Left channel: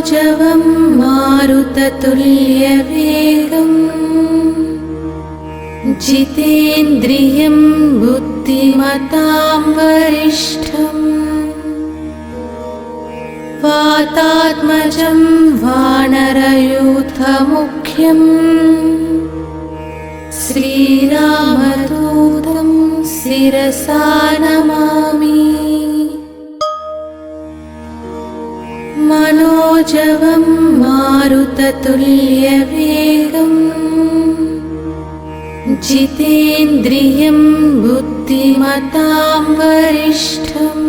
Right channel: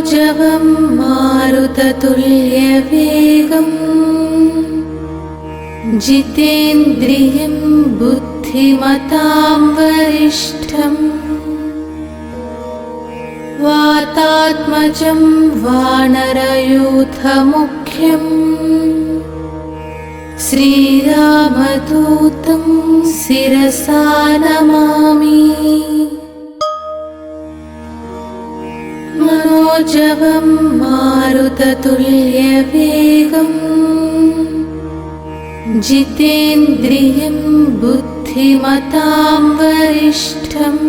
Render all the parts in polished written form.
मनोजवं मारुततुल्यवेगम् जितेन्द्रियं बुद्धिमतां वरिष्ठम् वातात्मजं वानरयूथमुख्यम् श्रीरामदूतं शिरसा नमामि। मनोजवं मारुततुल्यवेगम् जितेन्द्रियं बुद्धिमतां वरिष्ठम्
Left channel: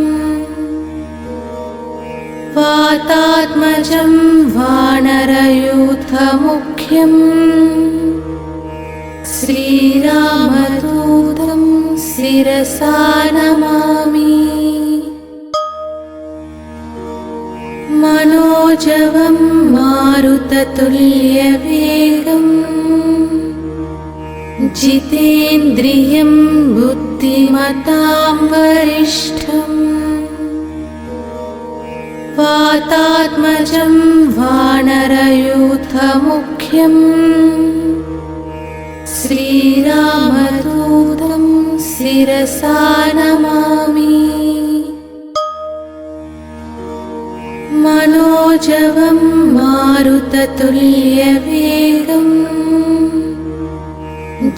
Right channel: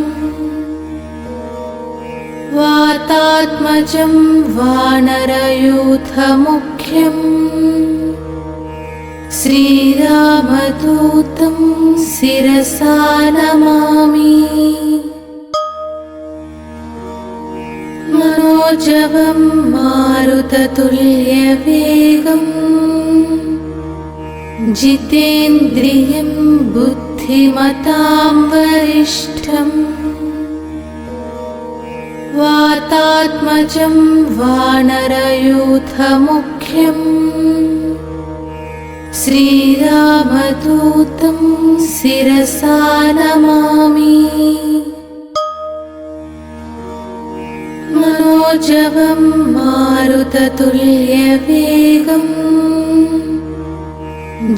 वातात्मजं वानरयूथमुख्यम् श्रीरामदूतं शिरसा नमामि। मनोजवं मारुततुल्यवेगम् जितेन्द्रियं बुद्धिमतां वरिष्ठम् वातात्मजं वानरयूथमुख्यम् श्रीरामदूतं शिरसा नमामि। मनोजवं मारुततुल्यवेगम्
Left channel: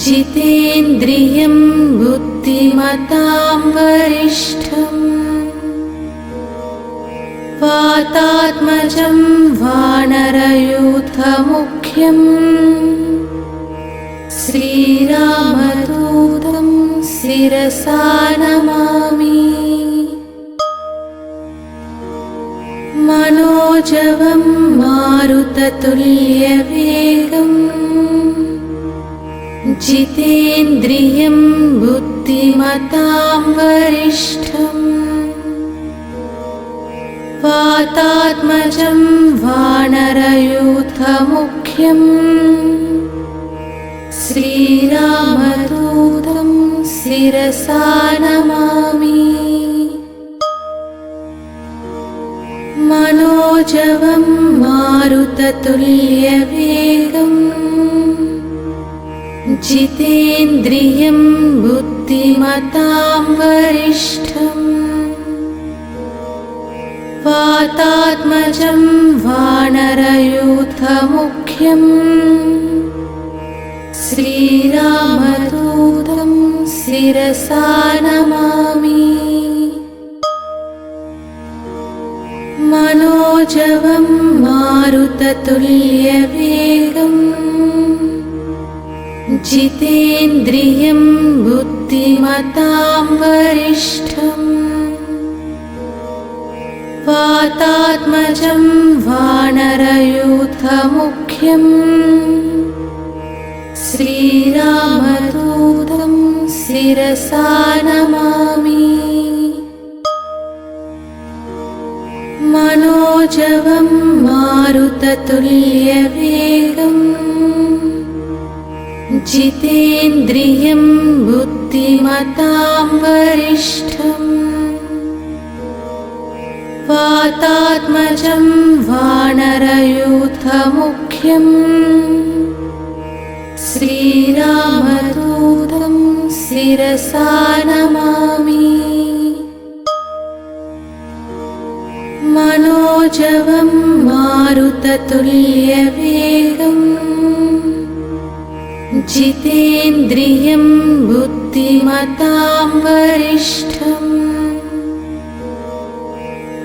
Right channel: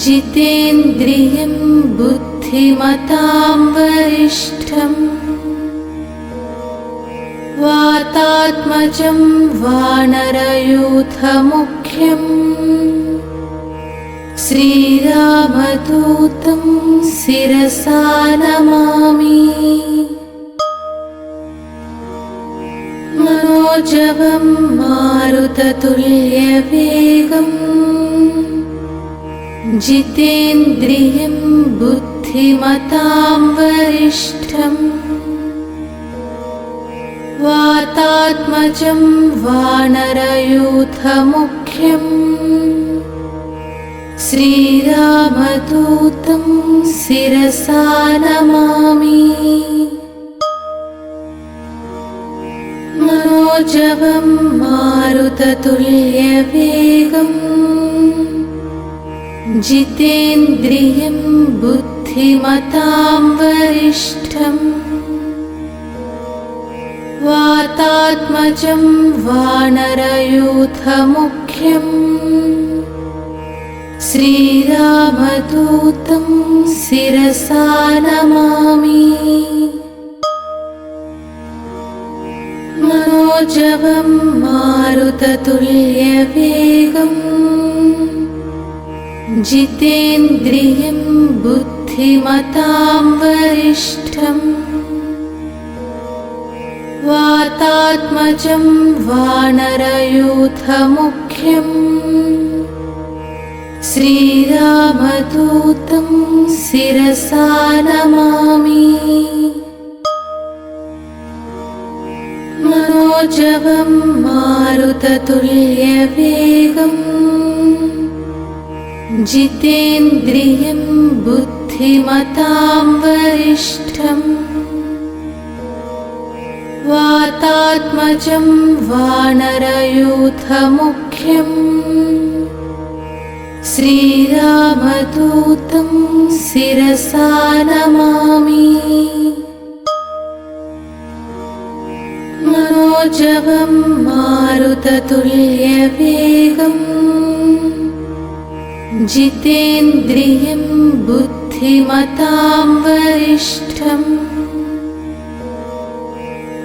जितेन्द्रियं बुद्धिमतां वरिष्ठम् वातात्मजं वानरयूथमुख्यम् श्रीरामदूतं शिरसा नमामि। मनोजवं मारुततुल्यवेगम् जितेन्द्रियं बुद्धिमतां वरिष्ठम् वातात्मजं वानरयूथमुख्यम् श्रीरामदूतं शिरसा नमामि। मनोजवं मारुततुल्यवेगम् जितेन्द्रियं बुद्धिमतां वरिष्ठम् वातात्मजं वानरयूथमुख्यम् श्रीरामदूतं शिरसा नमामि। मनोजवं मारुततुल्यवेगम् जितेन्द्रियं बुद्धिमतां वरिष्ठम् वातात्मजं वानरयूथमुख्यम् श्रीरामदूतं शिरसा नमामि। मनोजवं मारुततुल्यवेगम् जितेन्द्रियं बुद्धिमतां वरिष्ठम् वातात्मजं वानरयूथमुख्यम् श्रीरामदूतं शिरसा नमामि। मनोजवं मारुततुल्यवेगम् जितेन्द्रियं बुद्धिमतां वरिष्ठम्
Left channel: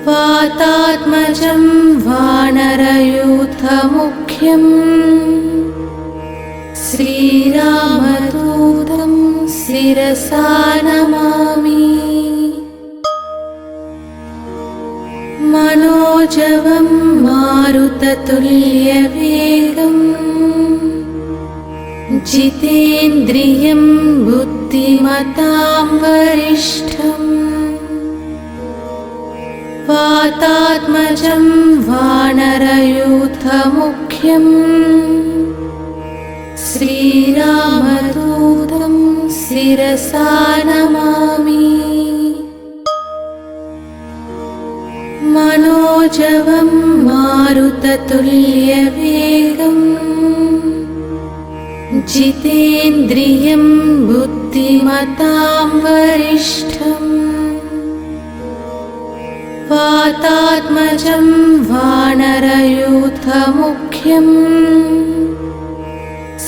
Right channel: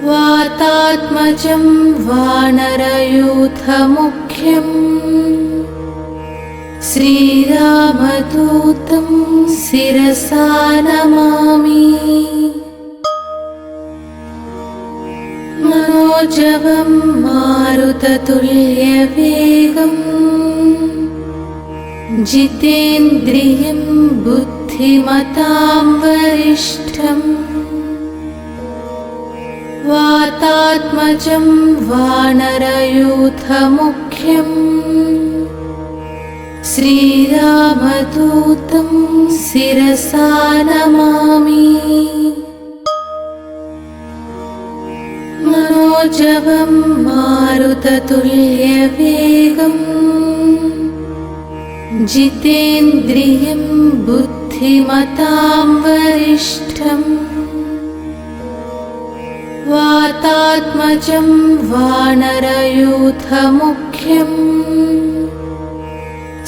वातात्मजं वानरयूथमुख्यम् श्रीरामदूतं शिरसा नमामि। मनोजवं मारुततुल्यवेगम् जितेन्द्रियं बुद्धिमतां वरिष्ठम् वातात्मजं वानरयूथमुख्यम् श्रीरामदूतं शिरसा नमामि। मनोजवं मारुततुल्यवेगम् जितेन्द्रियं बुद्धिमतां वरिष्ठम् वातात्मजं वानरयूथमुख्यम्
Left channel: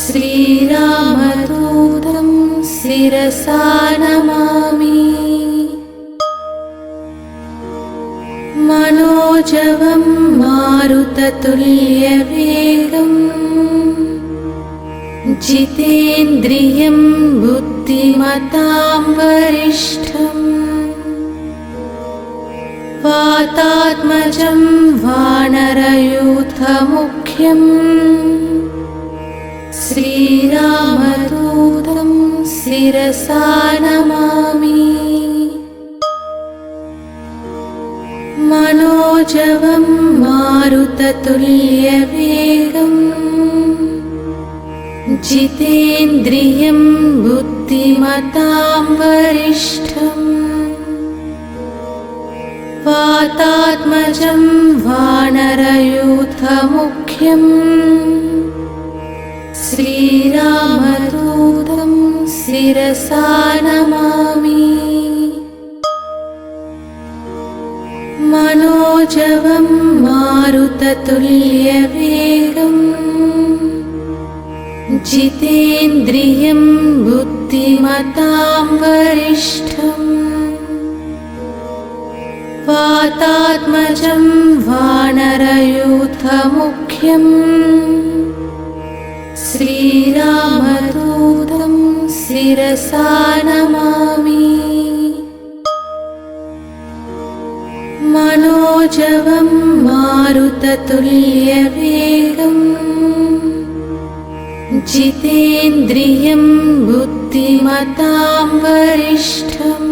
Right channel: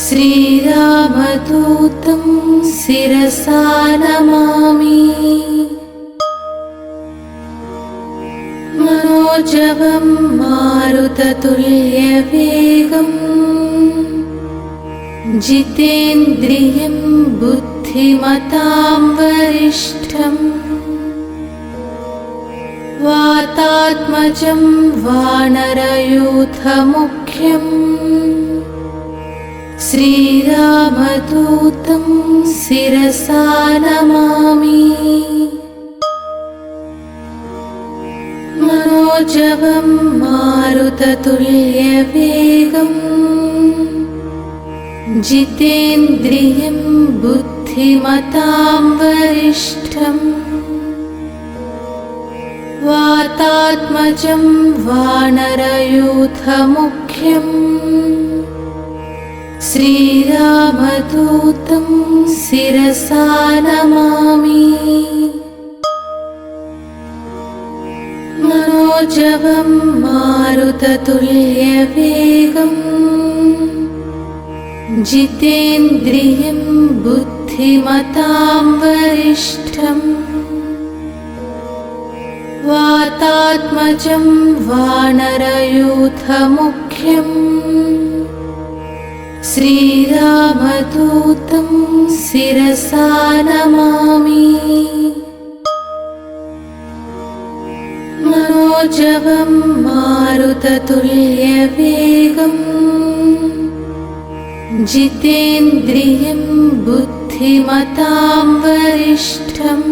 श्रीरामदूतं शिरसा नमामि। मनोजवं मारुततुल्यवेगम् जितेन्द्रियं बुद्धिमतां वरिष्ठम् वातात्मजं वानरयूथमुख्यम् श्रीरामदूतं शिरसा नमामि। मनोजवं मारुततुल्यवेगम् जितेन्द्रियं बुद्धिमतां वरिष्ठम् वातात्मजं वानरयूथमुख्यम् श्रीरामदूतं शिरसा नमामि। मनोजवं मारुततुल्यवेगम् जितेन्द्रियं बुद्धिमतां वरिष्ठम् वातात्मजं वानरयूथमुख्यम् श्रीरामदूतं शिरसा नमामि। मनोजवं मारुततुल्यवेगम् जितेन्द्रियं बुद्धिमतां वरिष्ठम्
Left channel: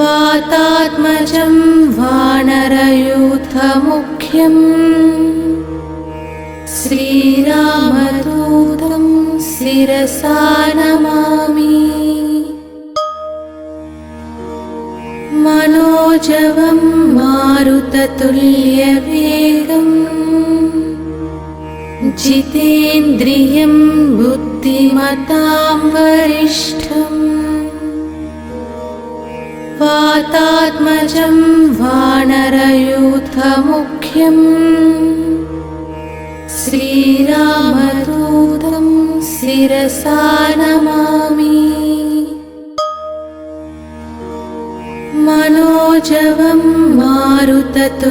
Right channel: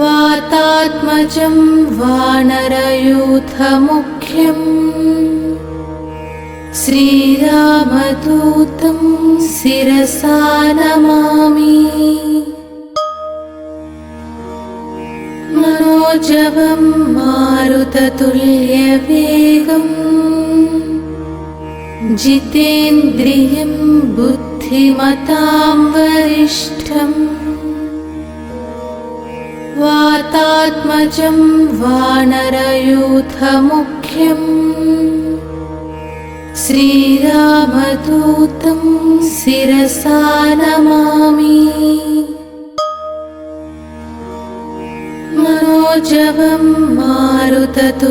वातात्मजं वानरयूथमुख्यम् श्रीरामदूतं शिरसा नमामि। मनोजवं मारुततुल्यवेगम् जितेन्द्रियं बुद्धिमतां वरिष्ठम् वातात्मजं वानरयूथमुख्यम् श्रीरामदूतं शिरसा नमामि। मनोजवं मारुततुल्यवेगम्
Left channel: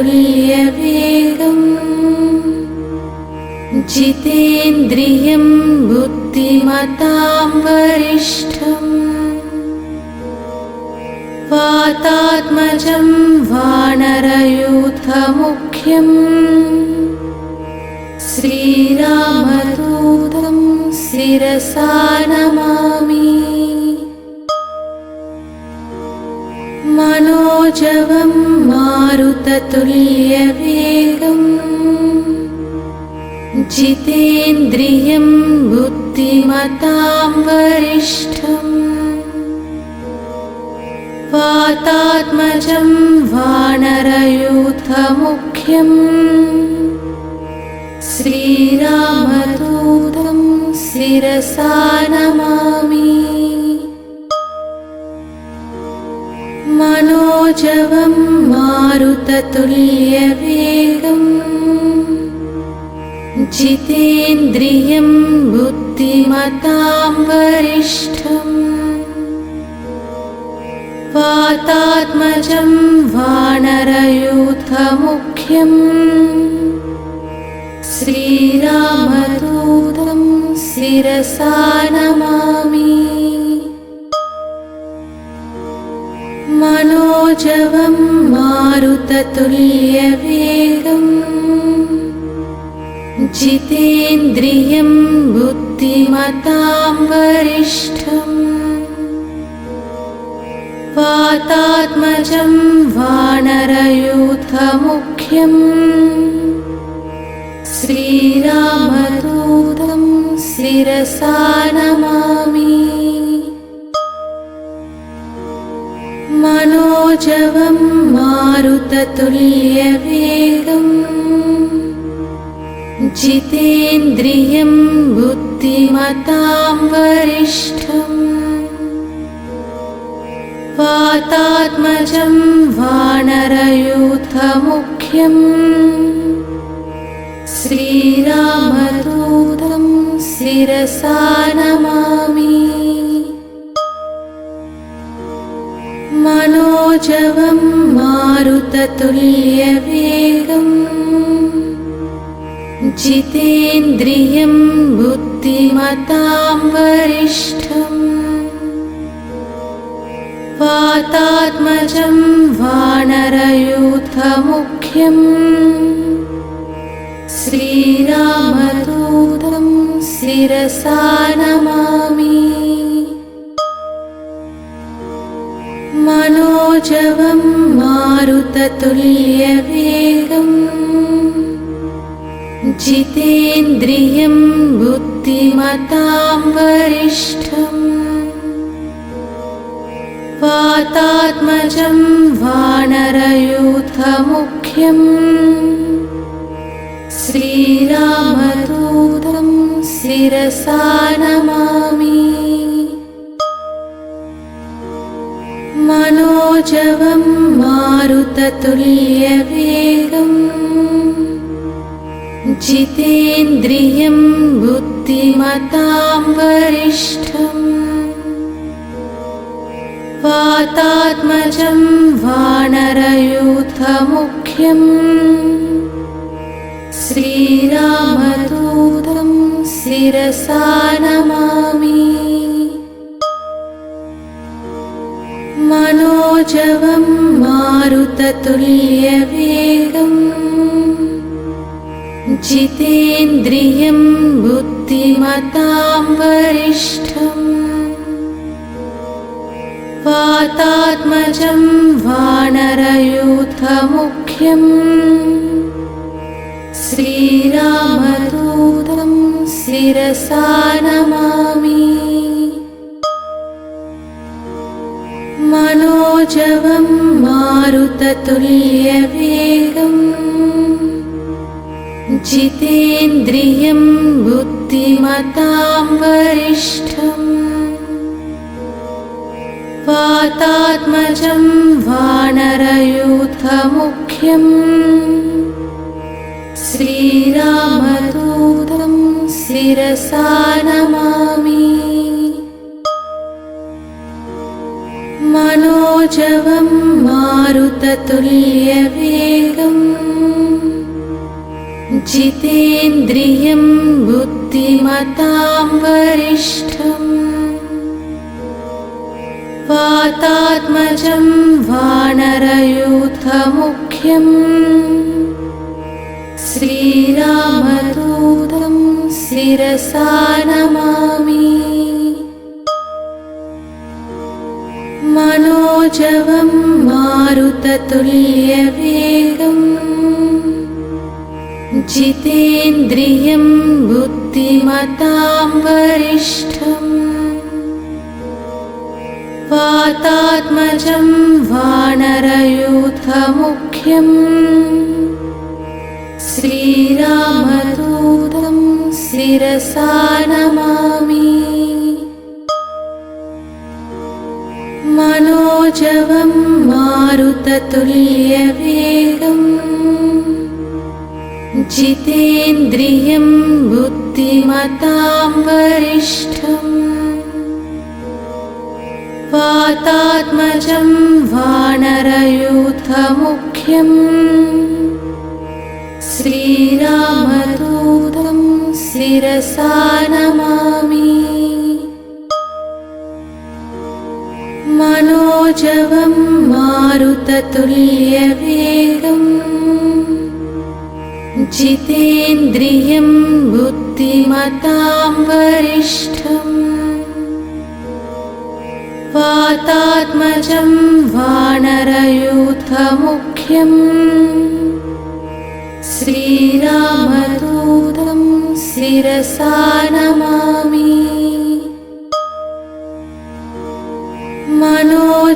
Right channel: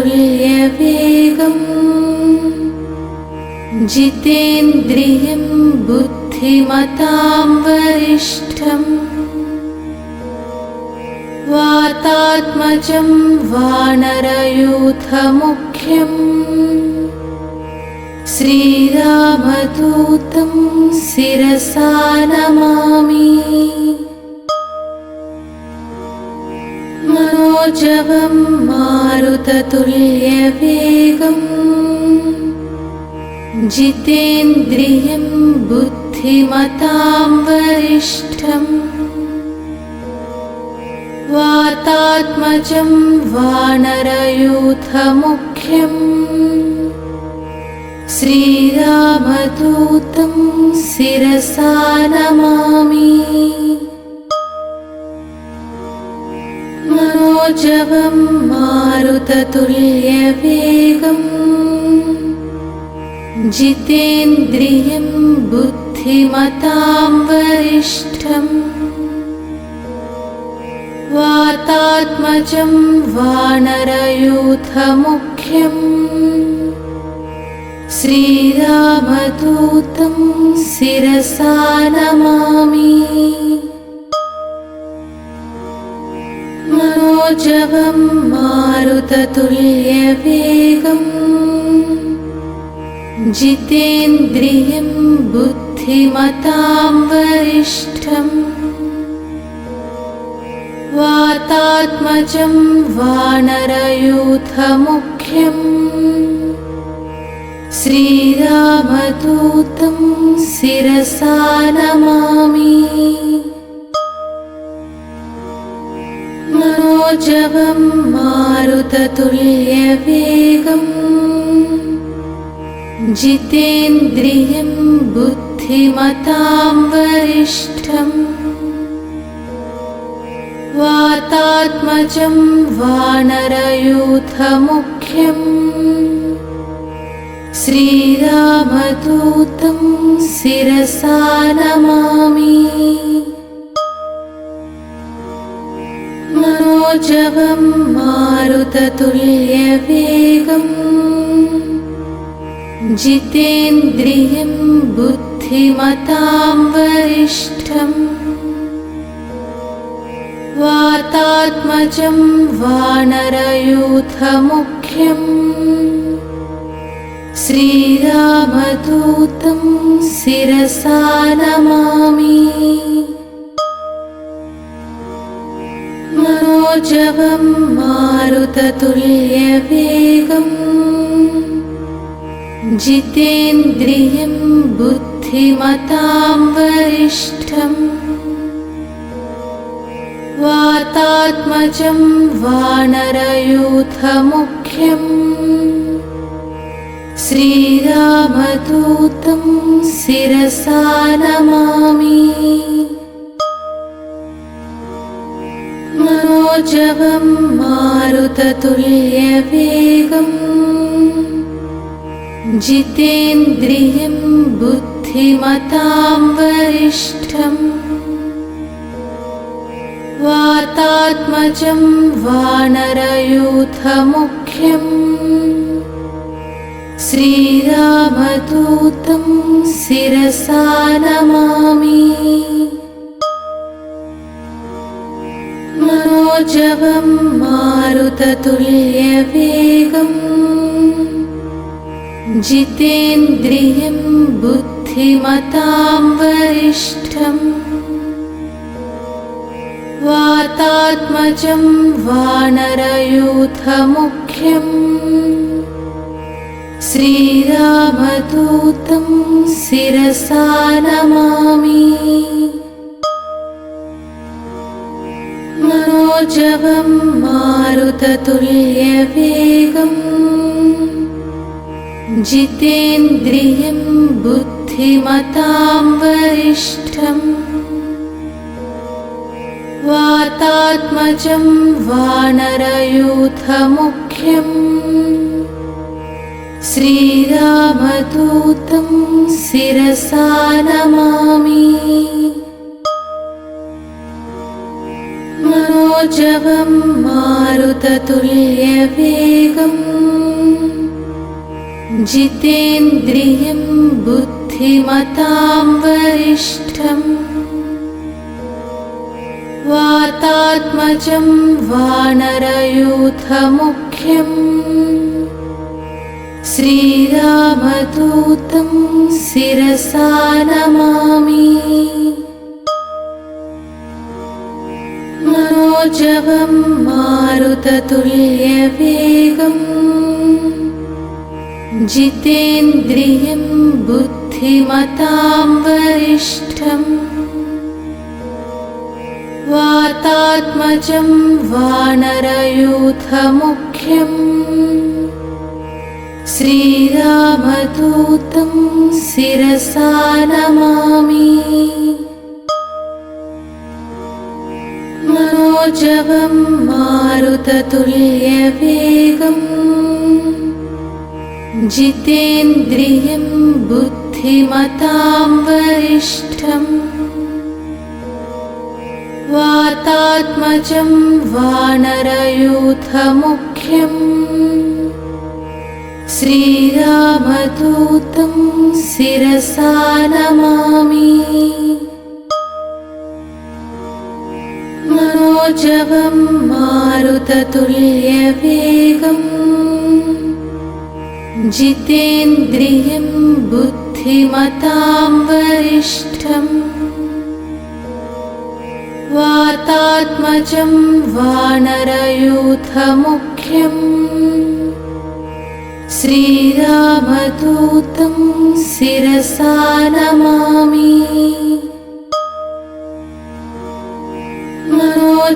जितेन्द्रियं बुद्धिमतां वरिष्ठम् वातात्मजं वानरयूथमुख्यम् श्रीरामदूतं शिरसा नमामि। मनोजवं मारुततुल्यवेगम् जितेन्द्रियं बुद्धिमतां वरिष्ठम् वातात्मजं वानरयूथमुख्यम् श्रीरामदूतं शिरसा नमामि। मनोजवं मारुततुल्यवेगम् जितेन्द्रियं बुद्धिमतां वरिष्ठम् वातात्मजं वानरयूथमुख्यम् श्रीरामदूतं शिरसा नमामि। मनोजवं मारुततुल्यवेगम् जितेन्द्रियं बुद्धिमतां वरिष्ठम् वातात्मजं वानरयूथमुख्यम् श्रीरामदूतं शिरसा नमामि। मनोजवं मारुततुल्यवेगम् मारुततुल्यवेगम् जितेन्द्रियं बुद्धिमतां वरिष्ठम् वातात्मजं वानरयूथमुख्यम् श्रीरामदूतं शिरसा नमामि। मनोजवं मारुततुल्यवेगम् जितेन्द्रियं बुद्धिमतां वरिष्ठम् वातात्मजं वानरयूथमुख्यम् श्रीरामदूतं शिरसा नमामि। मनोजवं मारुततुल्यवेगम् जितेन्द्रियं बुद्धिमतां वरिष्ठम् वातात्मजं वानरयूथमुख्यम् श्रीरामदूतं शिरसा नमामि। मनोजवं मारुततुल्यवेगम् जितेन्द्रियं बुद्धिमतां वरिष्ठम् वातात्मजं वानरयूथमुख्यम् श्रीरामदूतं शिरसा नमामि। मनोजवं मारुततुल्यवेगम् जितेन्द्रियं बुद्धिमतां वरिष्ठम् वातात्मजं वानरयूथमुख्यम् श्रीरामदूतं शिरसा नमामि। मनोजवं मारुततुल्यवेगम् जितेन्द्रियं बुद्धिमतां वरिष्ठम् वातात्मजं वानरयूथमुख्यम् श्रीरामदूतं शिरसा नमामि। मनोजवं मारुततुल्यवेगम् जितेन्द्रियं बुद्धिमतां वरिष्ठम् वातात्मजं वानरयूथमुख्यम् श्रीरामदूतं शिरसा नमामि। मनोजवं मारुततुल्यवेगम् जितेन्द्रियं बुद्धिमतां वरिष्ठम् वातात्मजं वानरयूथमुख्यम् श्रीरामदूतं शिरसा नमामि। मनोजवं मारुततुल्यवेगम् जितेन्द्रियं बुद्धिमतां वरिष्ठम् वातात्मजं वानरयूथमुख्यम् श्रीरामदूतं शिरसा नमामि। मनोजवं मारुततुल्यवेगम् जितेन्द्रियं बुद्धिमतां वरिष्ठम् वातात्मजं वानरयूथमुख्यम् श्रीरामदूतं शिरसा नमामि।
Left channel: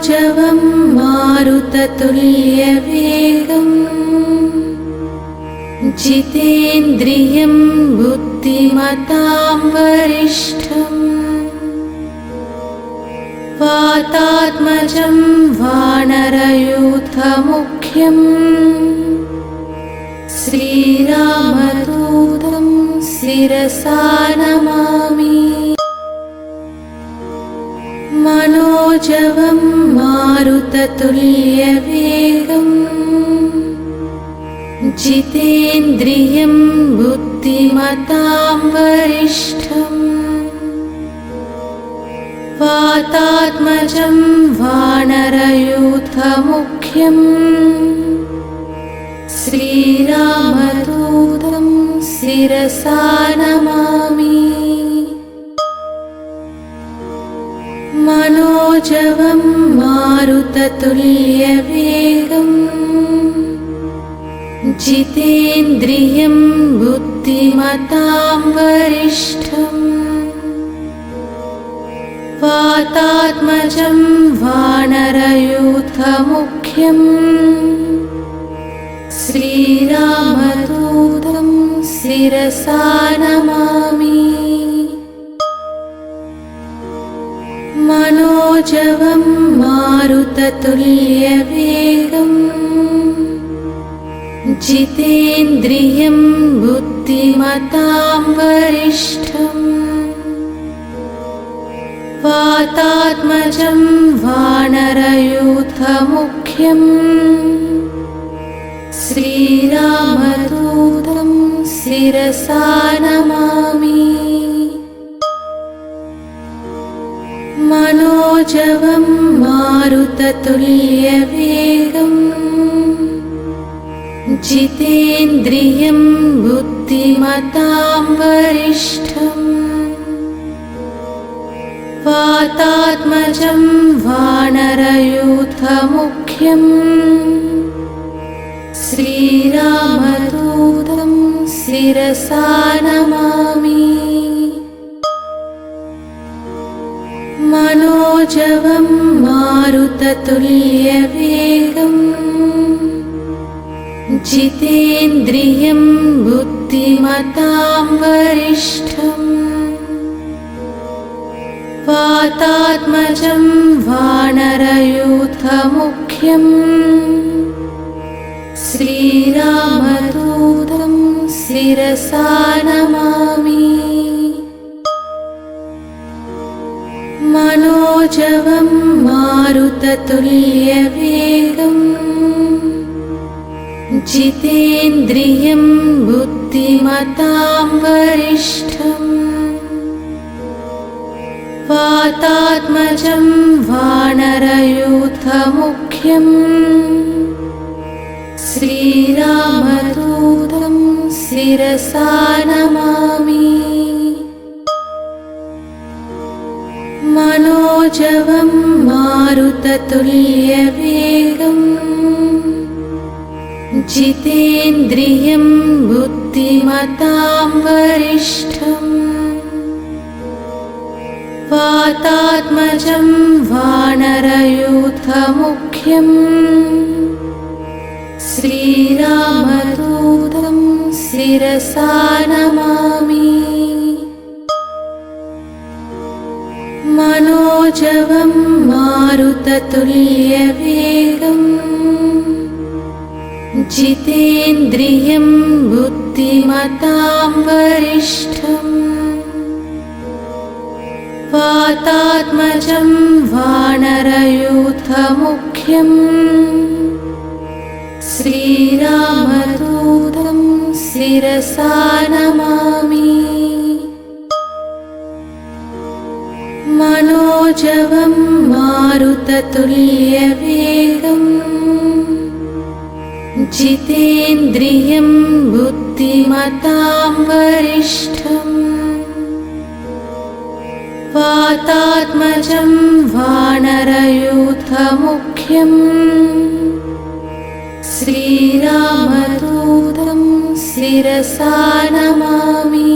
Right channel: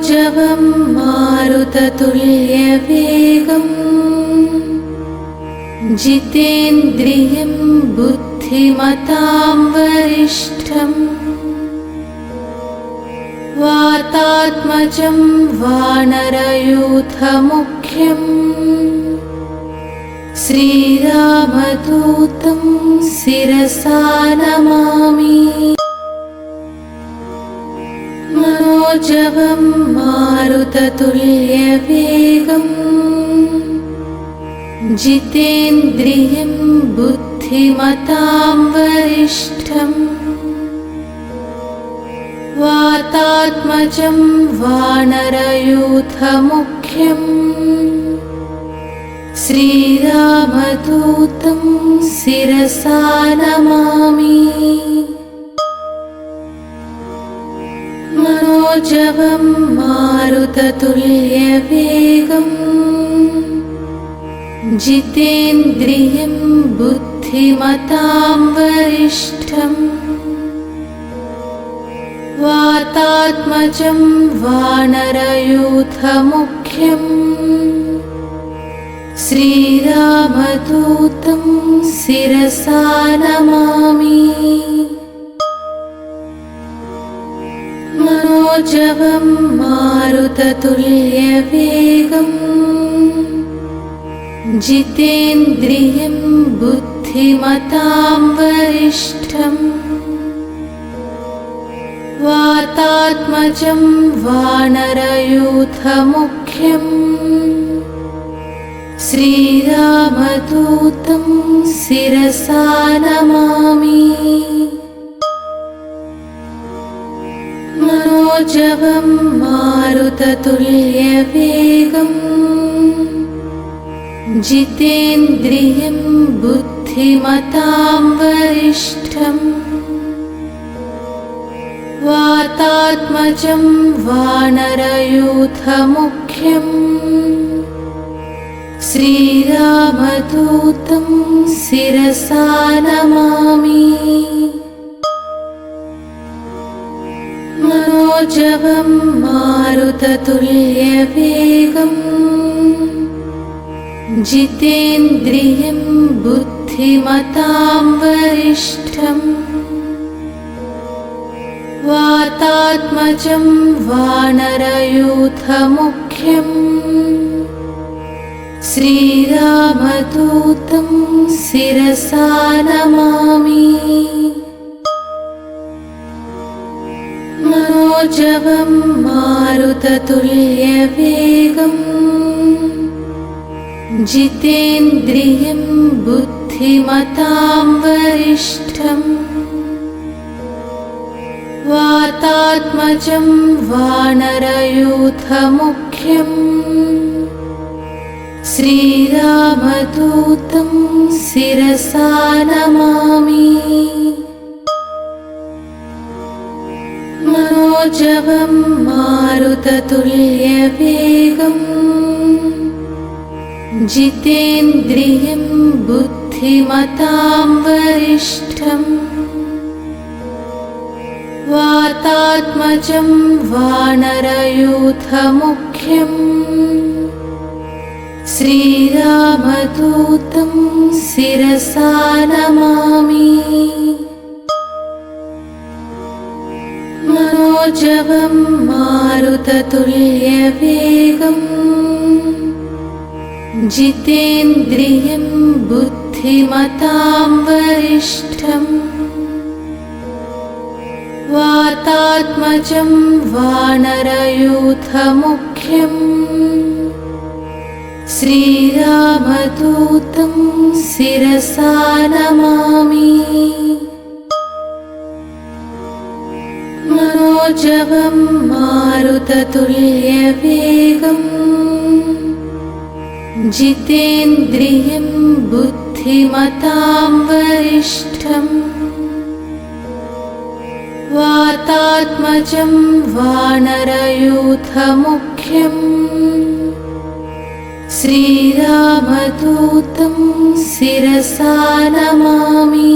मनोजवं मारुततुल्यवेगम् जितेन्द्रियं बुद्धिमतां वरिष्ठम् वातात्मजं वानरयूथमुख्यम् श्रीरामदूतं शिरसा नमामि। मनोजवं मारुततुल्यवेगम् जितेन्द्रियं बुद्धिमतां वरिष्ठम् वातात्मजं वानरयूथमुख्यम् श्रीरामदूतं शिरसा नमामि। मनोजवं मारुततुल्यवेगम् जितेन्द्रियं बुद्धिमतां वरिष्ठम् वातात्मजं वानरयूथमुख्यम् श्रीरामदूतं शिरसा नमामि। मनोजवं मारुततुल्यवेगम् जितेन्द्रियं बुद्धिमतां वरिष्ठम् वातात्मजं वानरयूथमुख्यम् श्रीरामदूतं शिरसा नमामि। मनोजवं मारुततुल्यवेगम् जितेन्द्रियं बुद्धिमतां वरिष्ठम् वातात्मजं वानरयूथमुख्यम् श्रीरामदूतं शिरसा नमामि। मनोजवं मारुततुल्यवेगम् जितेन्द्रियं बुद्धिमतां वरिष्ठम् वातात्मजं वानरयूथमुख्यम् श्रीरामदूतं शिरसा नमामि। मनोजवं मारुततुल्यवेगम् जितेन्द्रियं बुद्धिमतां वरिष्ठम् वातात्मजं वानरयूथमुख्यम् श्रीरामदूतं शिरसा नमामि। मनोजवं मारुततुल्यवेगम् जितेन्द्रियं बुद्धिमतां वरिष्ठम् वातात्मजं वानरयूथमुख्यम् श्रीरामदूतं शिरसा नमामि। मनोजवं मारुततुल्यवेगम् जितेन्द्रियं बुद्धिमतां वरिष्ठम् वातात्मजं वानरयूथमुख्यम् श्रीरामदूतं शिरसा नमामि। मनोजवं मारुततुल्यवेगम् जितेन्द्रियं बुद्धिमतां वरिष्ठम् वातात्मजं वानरयूथमुख्यम् श्रीरामदूतं शिरसा नमामि।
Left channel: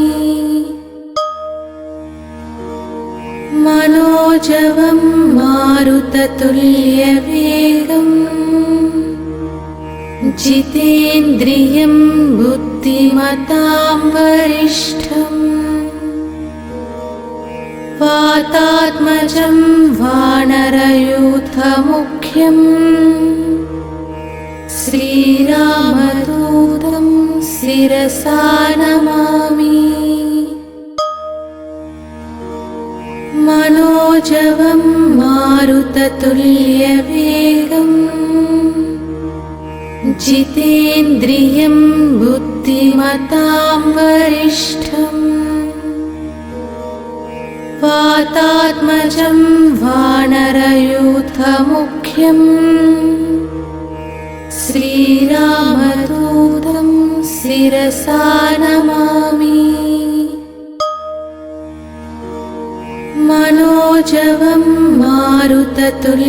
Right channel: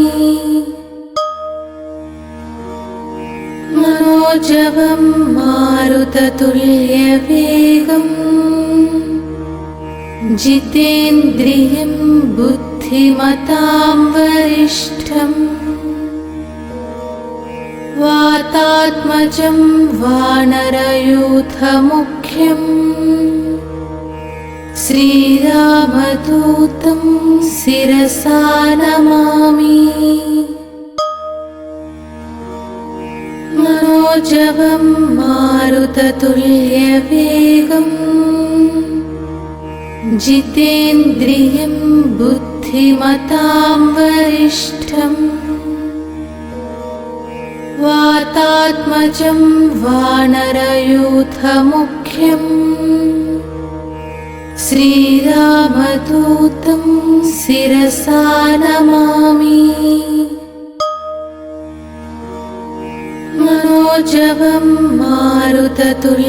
मनोजवं मारुत मारुततुल्यवेगम् जितेन्द्रियं बुद्धिमतां वरिष्ठम् वातात्मजं वानरयूथमुख्यम् श्रीरामदूतं शिरसा नमामि। मनोजवं मारुततुल्यवेगम् जितेन्द्रियं बुद्धिमतां वरिष्ठम् वातात्मजं वानरयूथमुख्यम् श्रीरामदूतं शिरसा नमामि। मनोजवं मारुततुल्यवेगम्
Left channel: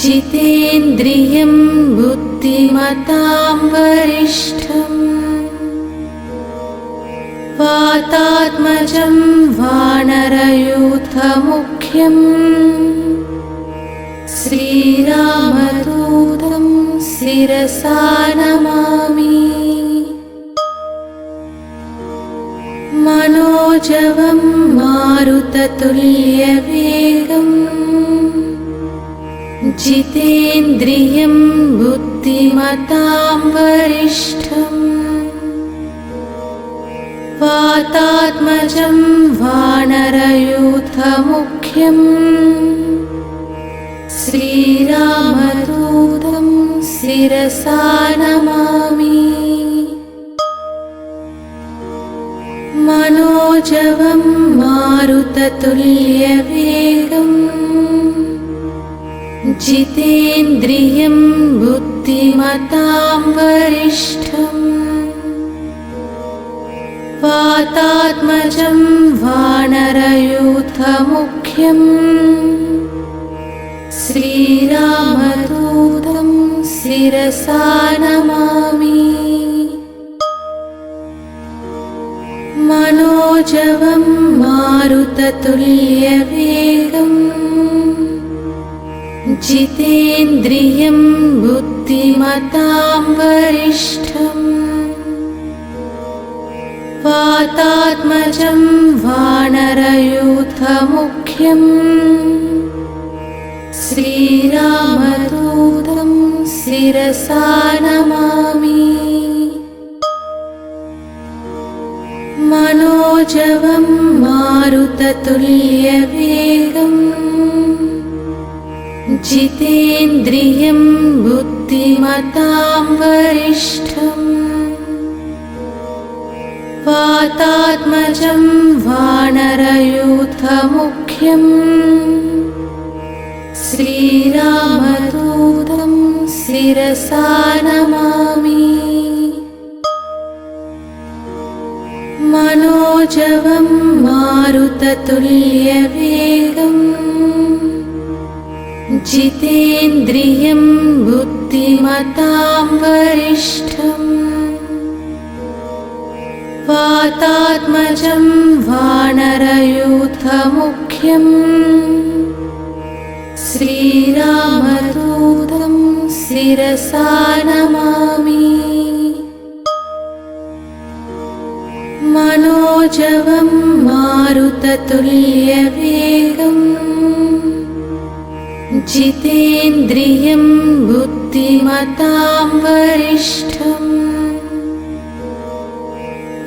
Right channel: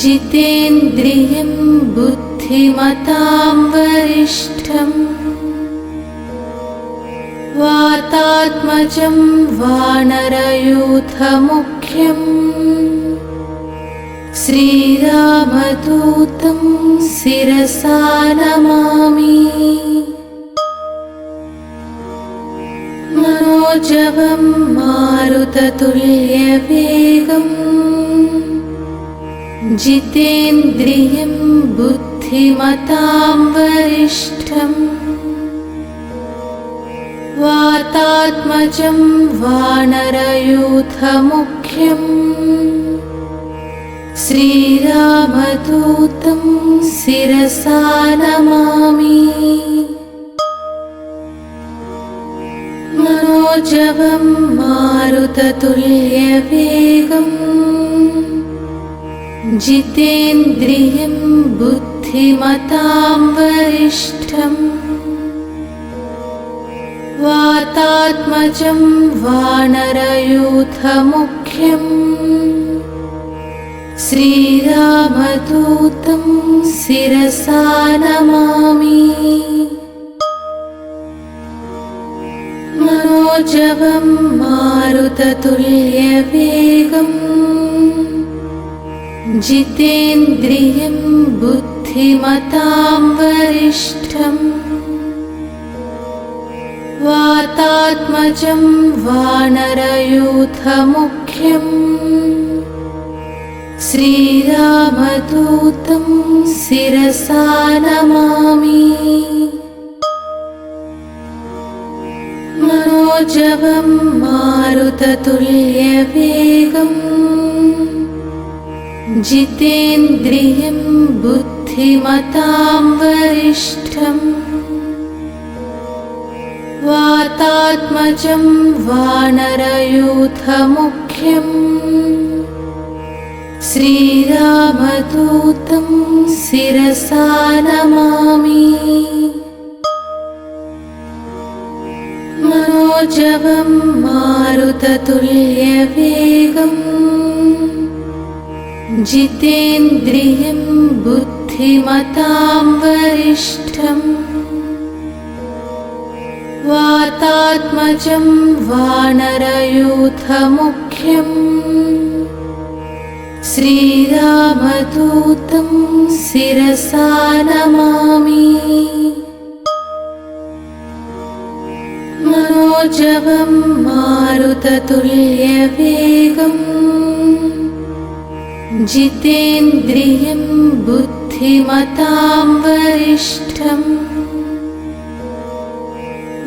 जितेन्द्रियं बुद्धिमतां वरिष्ठम् वातात्मजं वानरयूथमुख्यम् श्रीरामदूतं शिरसा नमामि। मनोजवं मारुततुल्यवेगम् जितेन्द्रियं बुद्धिमतां वरिष्ठम् वातात्मजं वानरयूथमुख्यम् श्रीरामदूतं शिरसा नमामि। मनोजवं मारुततुल्यवेगम् जितेन्द्रियं बुद्धिमतां वरिष्ठम् वातात्मजं वानरयूथमुख्यम् श्रीरामदूतं शिरसा नमामि। मनोजवं मारुततुल्यवेगम् जितेन्द्रियं बुद्धिमतां वरिष्ठम् वातात्मजं वानरयूथमुख्यम् श्रीरामदूतं शिरसा नमामि। मनोजवं मारुततुल्यवेगम् जितेन्द्रियं बुद्धिमतां वरिष्ठम् वातात्मजं वानरयूथमुख्यम् श्रीरामदूतं शिरसा नमामि। मनोजवं मारुततुल्यवेगम् जितेन्द्रियं बुद्धिमतां वरिष्ठम् वातात्मजं वानरयूथमुख्यम् श्रीरामदूतं शिरसा नमामि। मनोजवं मारुततुल्यवेगम् जितेन्द्रियं बुद्धिमतां वरिष्ठम्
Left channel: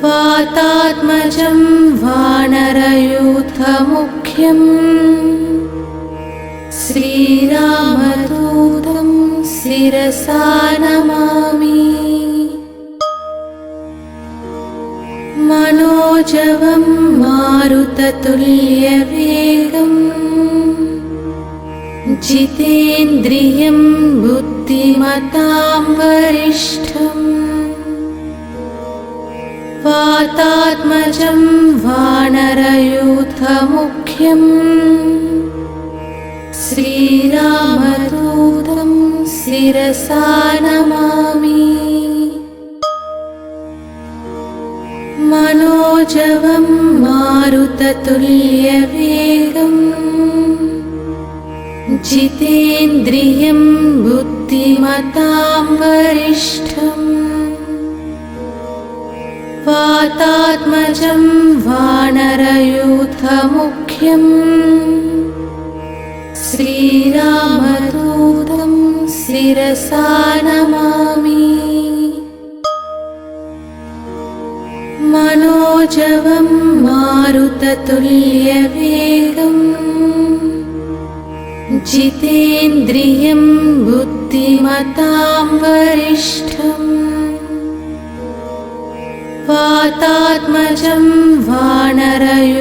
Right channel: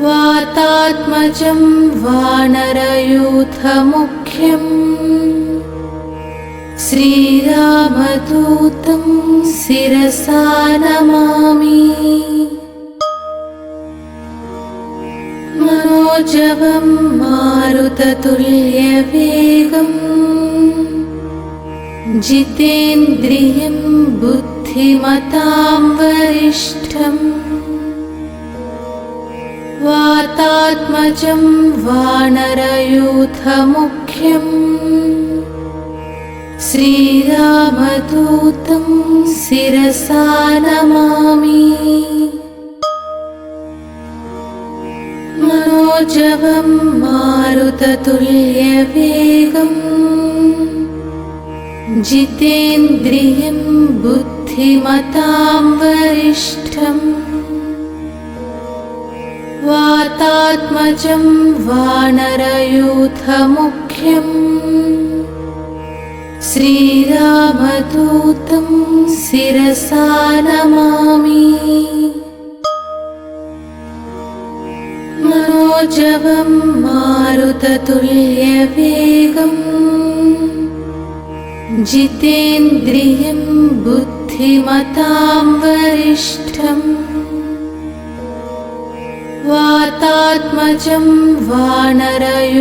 वातात्मजं वानरयूथमुख्यम् श्रीरामदूतं शिरसा नमामि। मनोजवं मारुततुल्यवेगम् जितेन्द्रियं बुद्धिमतां वरिष्ठम् वातात्मजं वानरयूथमुख्यम् श्रीरामदूतं शिरसा नमामि। मनोजवं मारुततुल्यवेगम् जितेन्द्रियं बुद्धिमतां वरिष्ठम् वातात्मजं वानरयूथमुख्यम् श्रीरामदूतं शिरसा नमामि मनोजवं मारुततुल्यवेगम् जितेन्द्रियं बुद्धिमतां वरिष्ठम् वातात्मजं वानरयूथमुख्यम्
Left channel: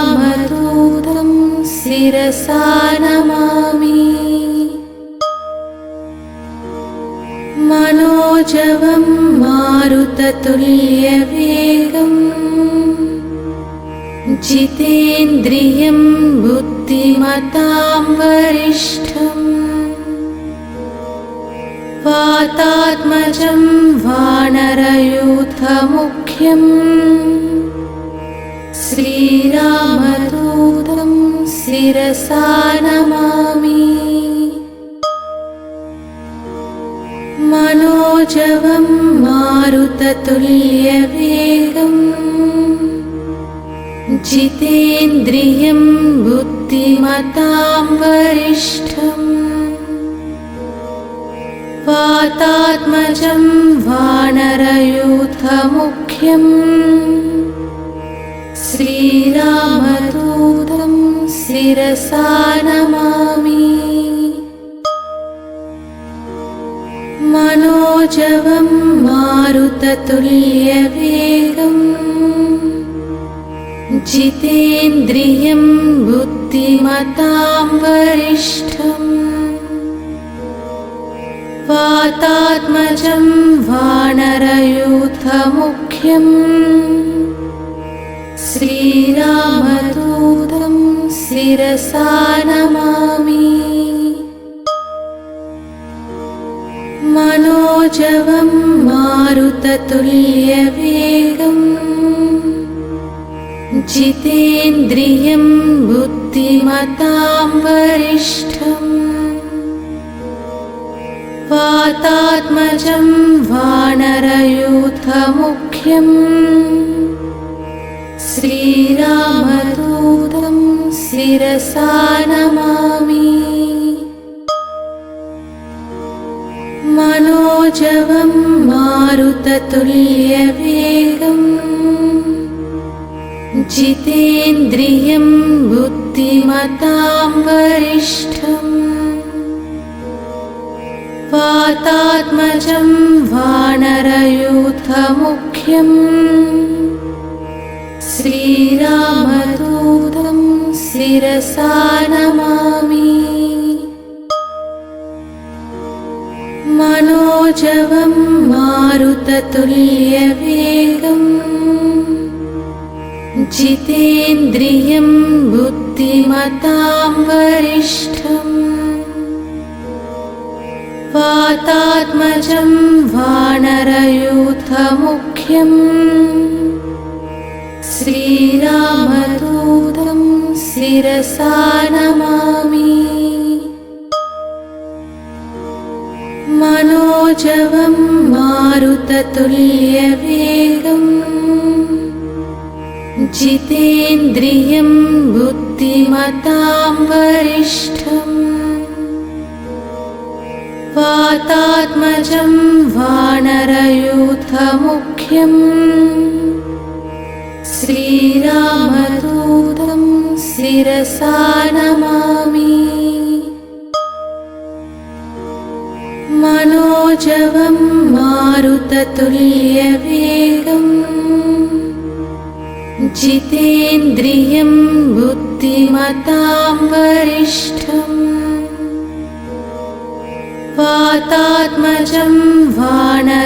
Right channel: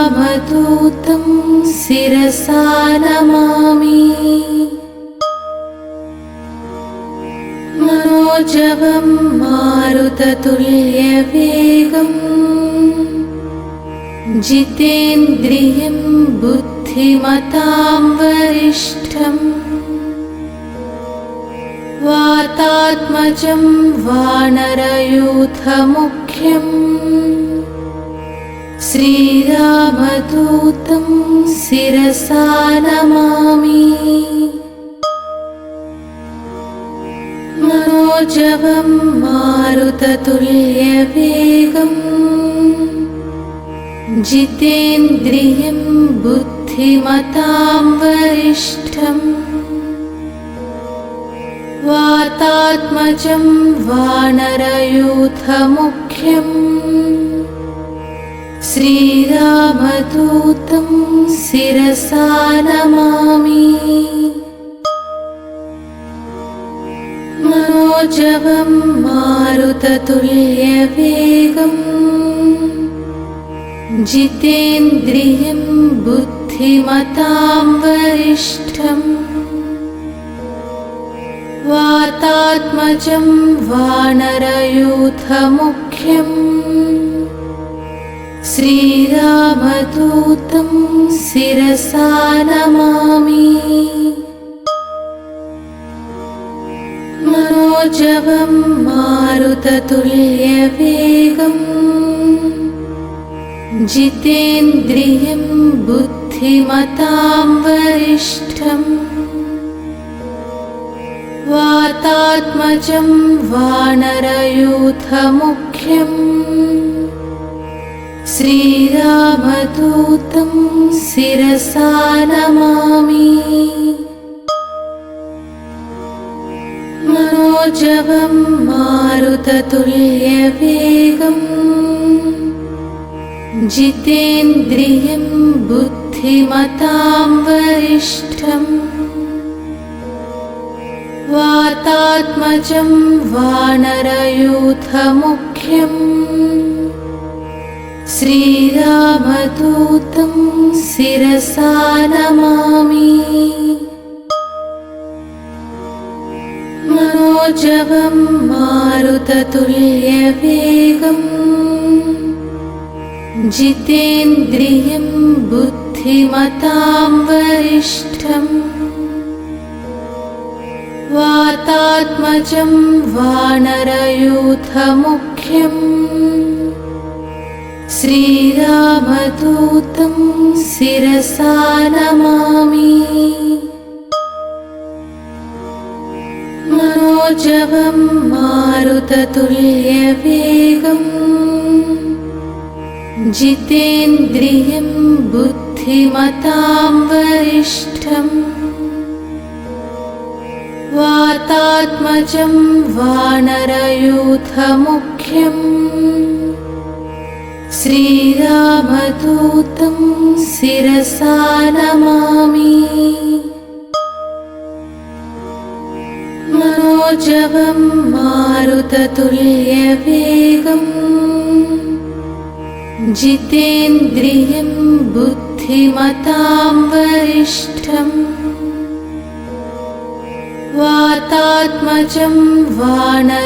श्रीरामदूतं शिरसा नमामि मनोजवं मारुततुल्यवेगम् जितेन्द्रियं बुद्धिमतां वरिष्ठम् वातात्मजं वानरयूथमुख्यम् श्रीरामदूतं शिरसा नमामि मनोजवं मारुततुल्यवेगम् जितेन्द्रियं बुद्धिमतां वरिष्ठम् वातात्मजं वानरयूथमुख्यम् श्रीरामदूतं शिरसा नमामि मनोजवं मारुततुल्यवेगम् जितेन्द्रियं बुद्धिमतां वरिष्ठम् वातात्मजं वानरयूथमुख्यम् श्रीरामदूतं शिरसा नमामि मनोजवं मारुततुल्यवेगम् जितेन्द्रियं बुद्धिमतां वरिष्ठम् वातात्मजं वानरयूथमुख्यम् श्रीरामदूतं शिरसा नमामि मनोजवं मारुततुल्यवेगम् जितेन्द्रियं बुद्धिमतां वरिष्ठम् वातात्मजं वानरयूथमुख्यम् श्रीरामदूतं शिरसा नमामि मनोजवं मारुततुल्यवेगम् जितेन्द्रियं बुद्धिमतां वरिष्ठम् वातात्मजं वानरयूथमुख्यम् श्रीरामदूतं शिरसा नमामि मनोजवं मारुततुल्यवेगम् जितेन्द्रियं बुद्धिमतां वरिष्ठम् वातात्मजं वानरयूथमुख्यम् श्रीरामदूतं शिरसा नमामि मनोजवं मारुततुल्यवेगम् जितेन्द्रियं बुद्धिमतां वरिष्ठम् वातात्मजं वानरयूथमुख्यम्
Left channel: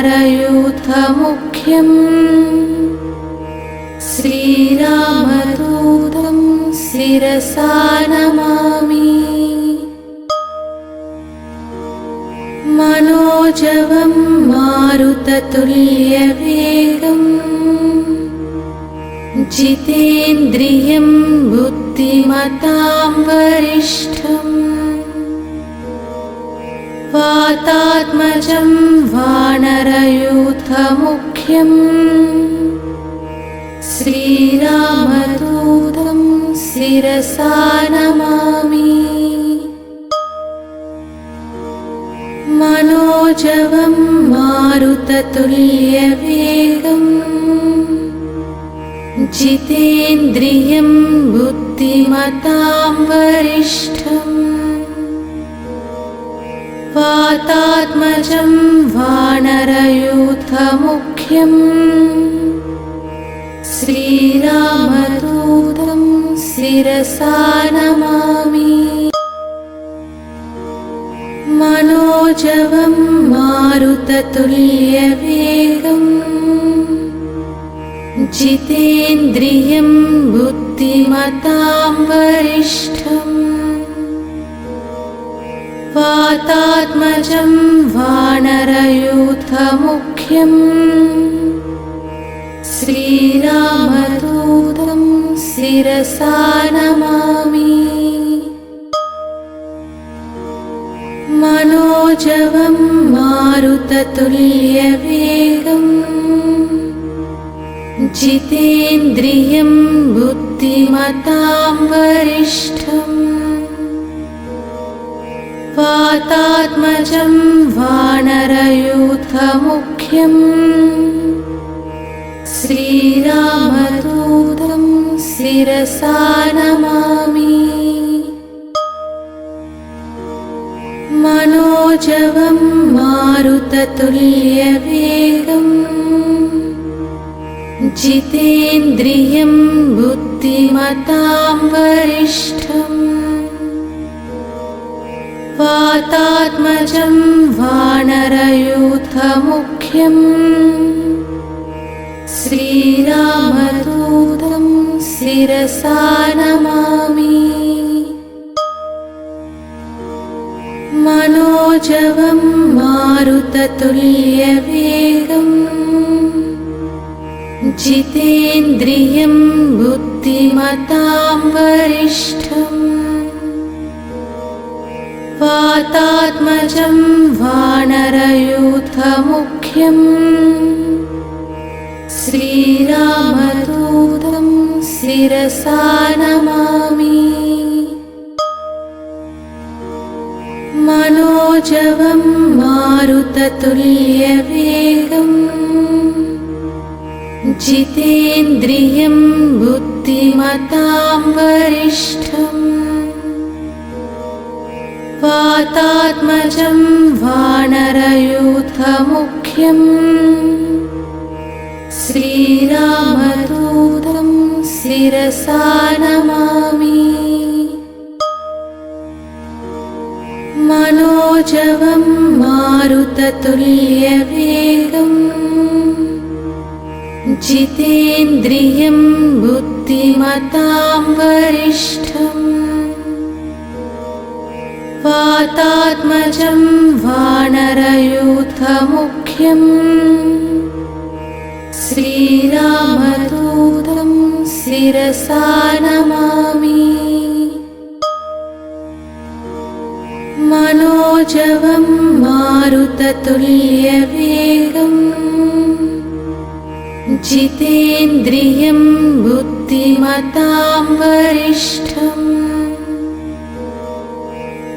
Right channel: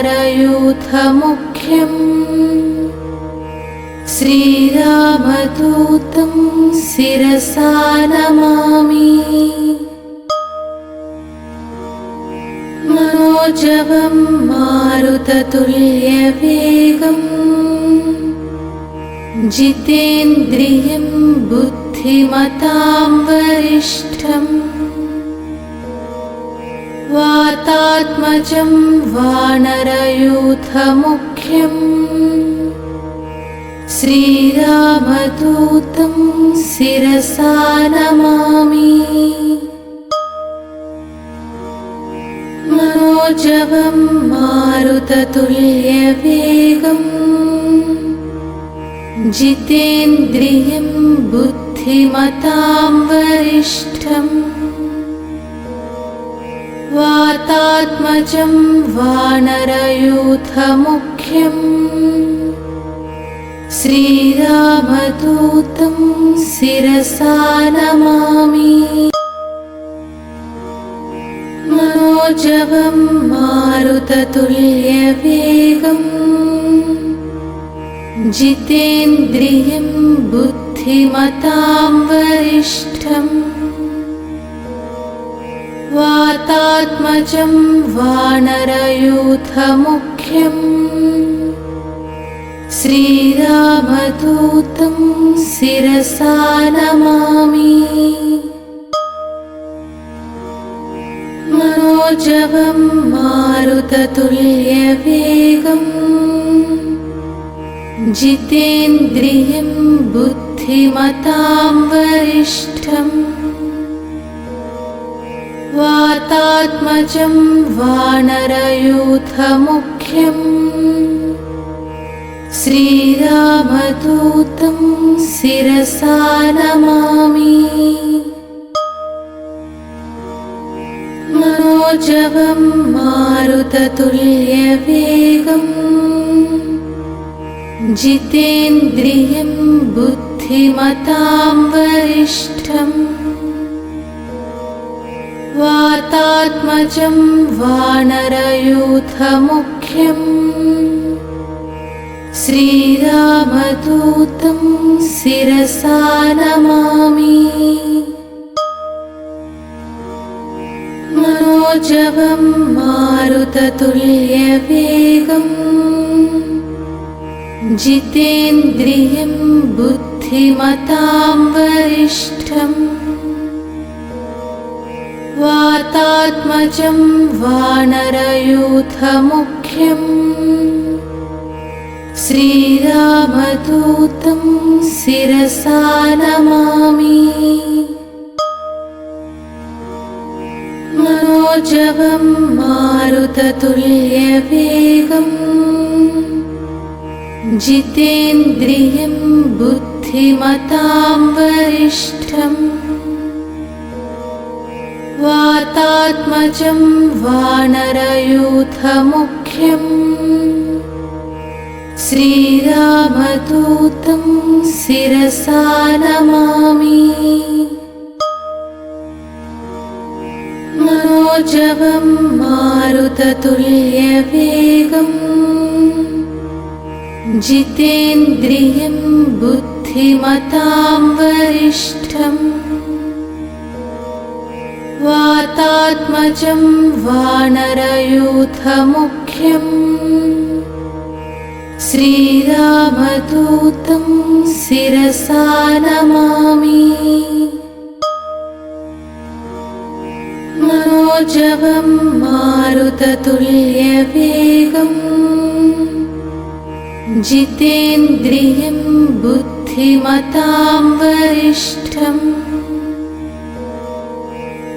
श्रीरामदूतं शिरसा नमामि मनोजवं मारुततुल्यवेगम् जितेन्द्रियं बुद्धिमतां वरिष्ठम् वातात्मजं वानरयूथमुख्यम् श्रीरामदूतं शिरसा नमामि मनोजवं मारुततुल्यवेगम् जितेन्द्रियं बुद्धिमतां वरिष्ठम् वातात्मजं वानरयूथमुख्यम् श्रीरामदूतं शिरसा नमामि मनोजवं मारुततुल्यवेगम् जितेन्द्रियं बुद्धिमतां वरिष्ठम् वातात्मजं वानरयूथमुख्यम् श्रीरामदूतं शिरसा नमामि मनोजवं मारुततुल्यवेगम् जितेन्द्रियं बुद्धिमतां वरिष्ठम् वातात्मजं वानरयूथमुख्यम् श्रीरामदूतं शिरसा नमामि मनोजवं मारुततुल्यवेगम् जितेन्द्रियं बुद्धिमतां वरिष्ठम् वातात्मजं वानरयूथमुख्यम् श्रीरामदूतं शिरसा नमामि मनोजवं मारुततुल्यवेगम् जितेन्द्रियं बुद्धिमतां वरिष्ठम् वातात्मजं वानरयूथमुख्यम् श्रीरामदूतं शिरसा नमामि मनोजवं मारुततुल्यवेगम् जितेन्द्रियं बुद्धिमतां वरिष्ठम् वातात्मजं वानरयूथमुख्यम् श्रीरामदूतं शिरसा नमामि मनोजवं मारुततुल्यवेगम् जितेन्द्रियं बुद्धिमतां वरिष्ठम् वातात्मजं वानरयूथमुख्यम् श्रीरामदूतं शिरसा नमामि मनोजवं मारुततुल्यवेगम् जितेन्द्रियं बुद्धिमतां वरिष्ठम्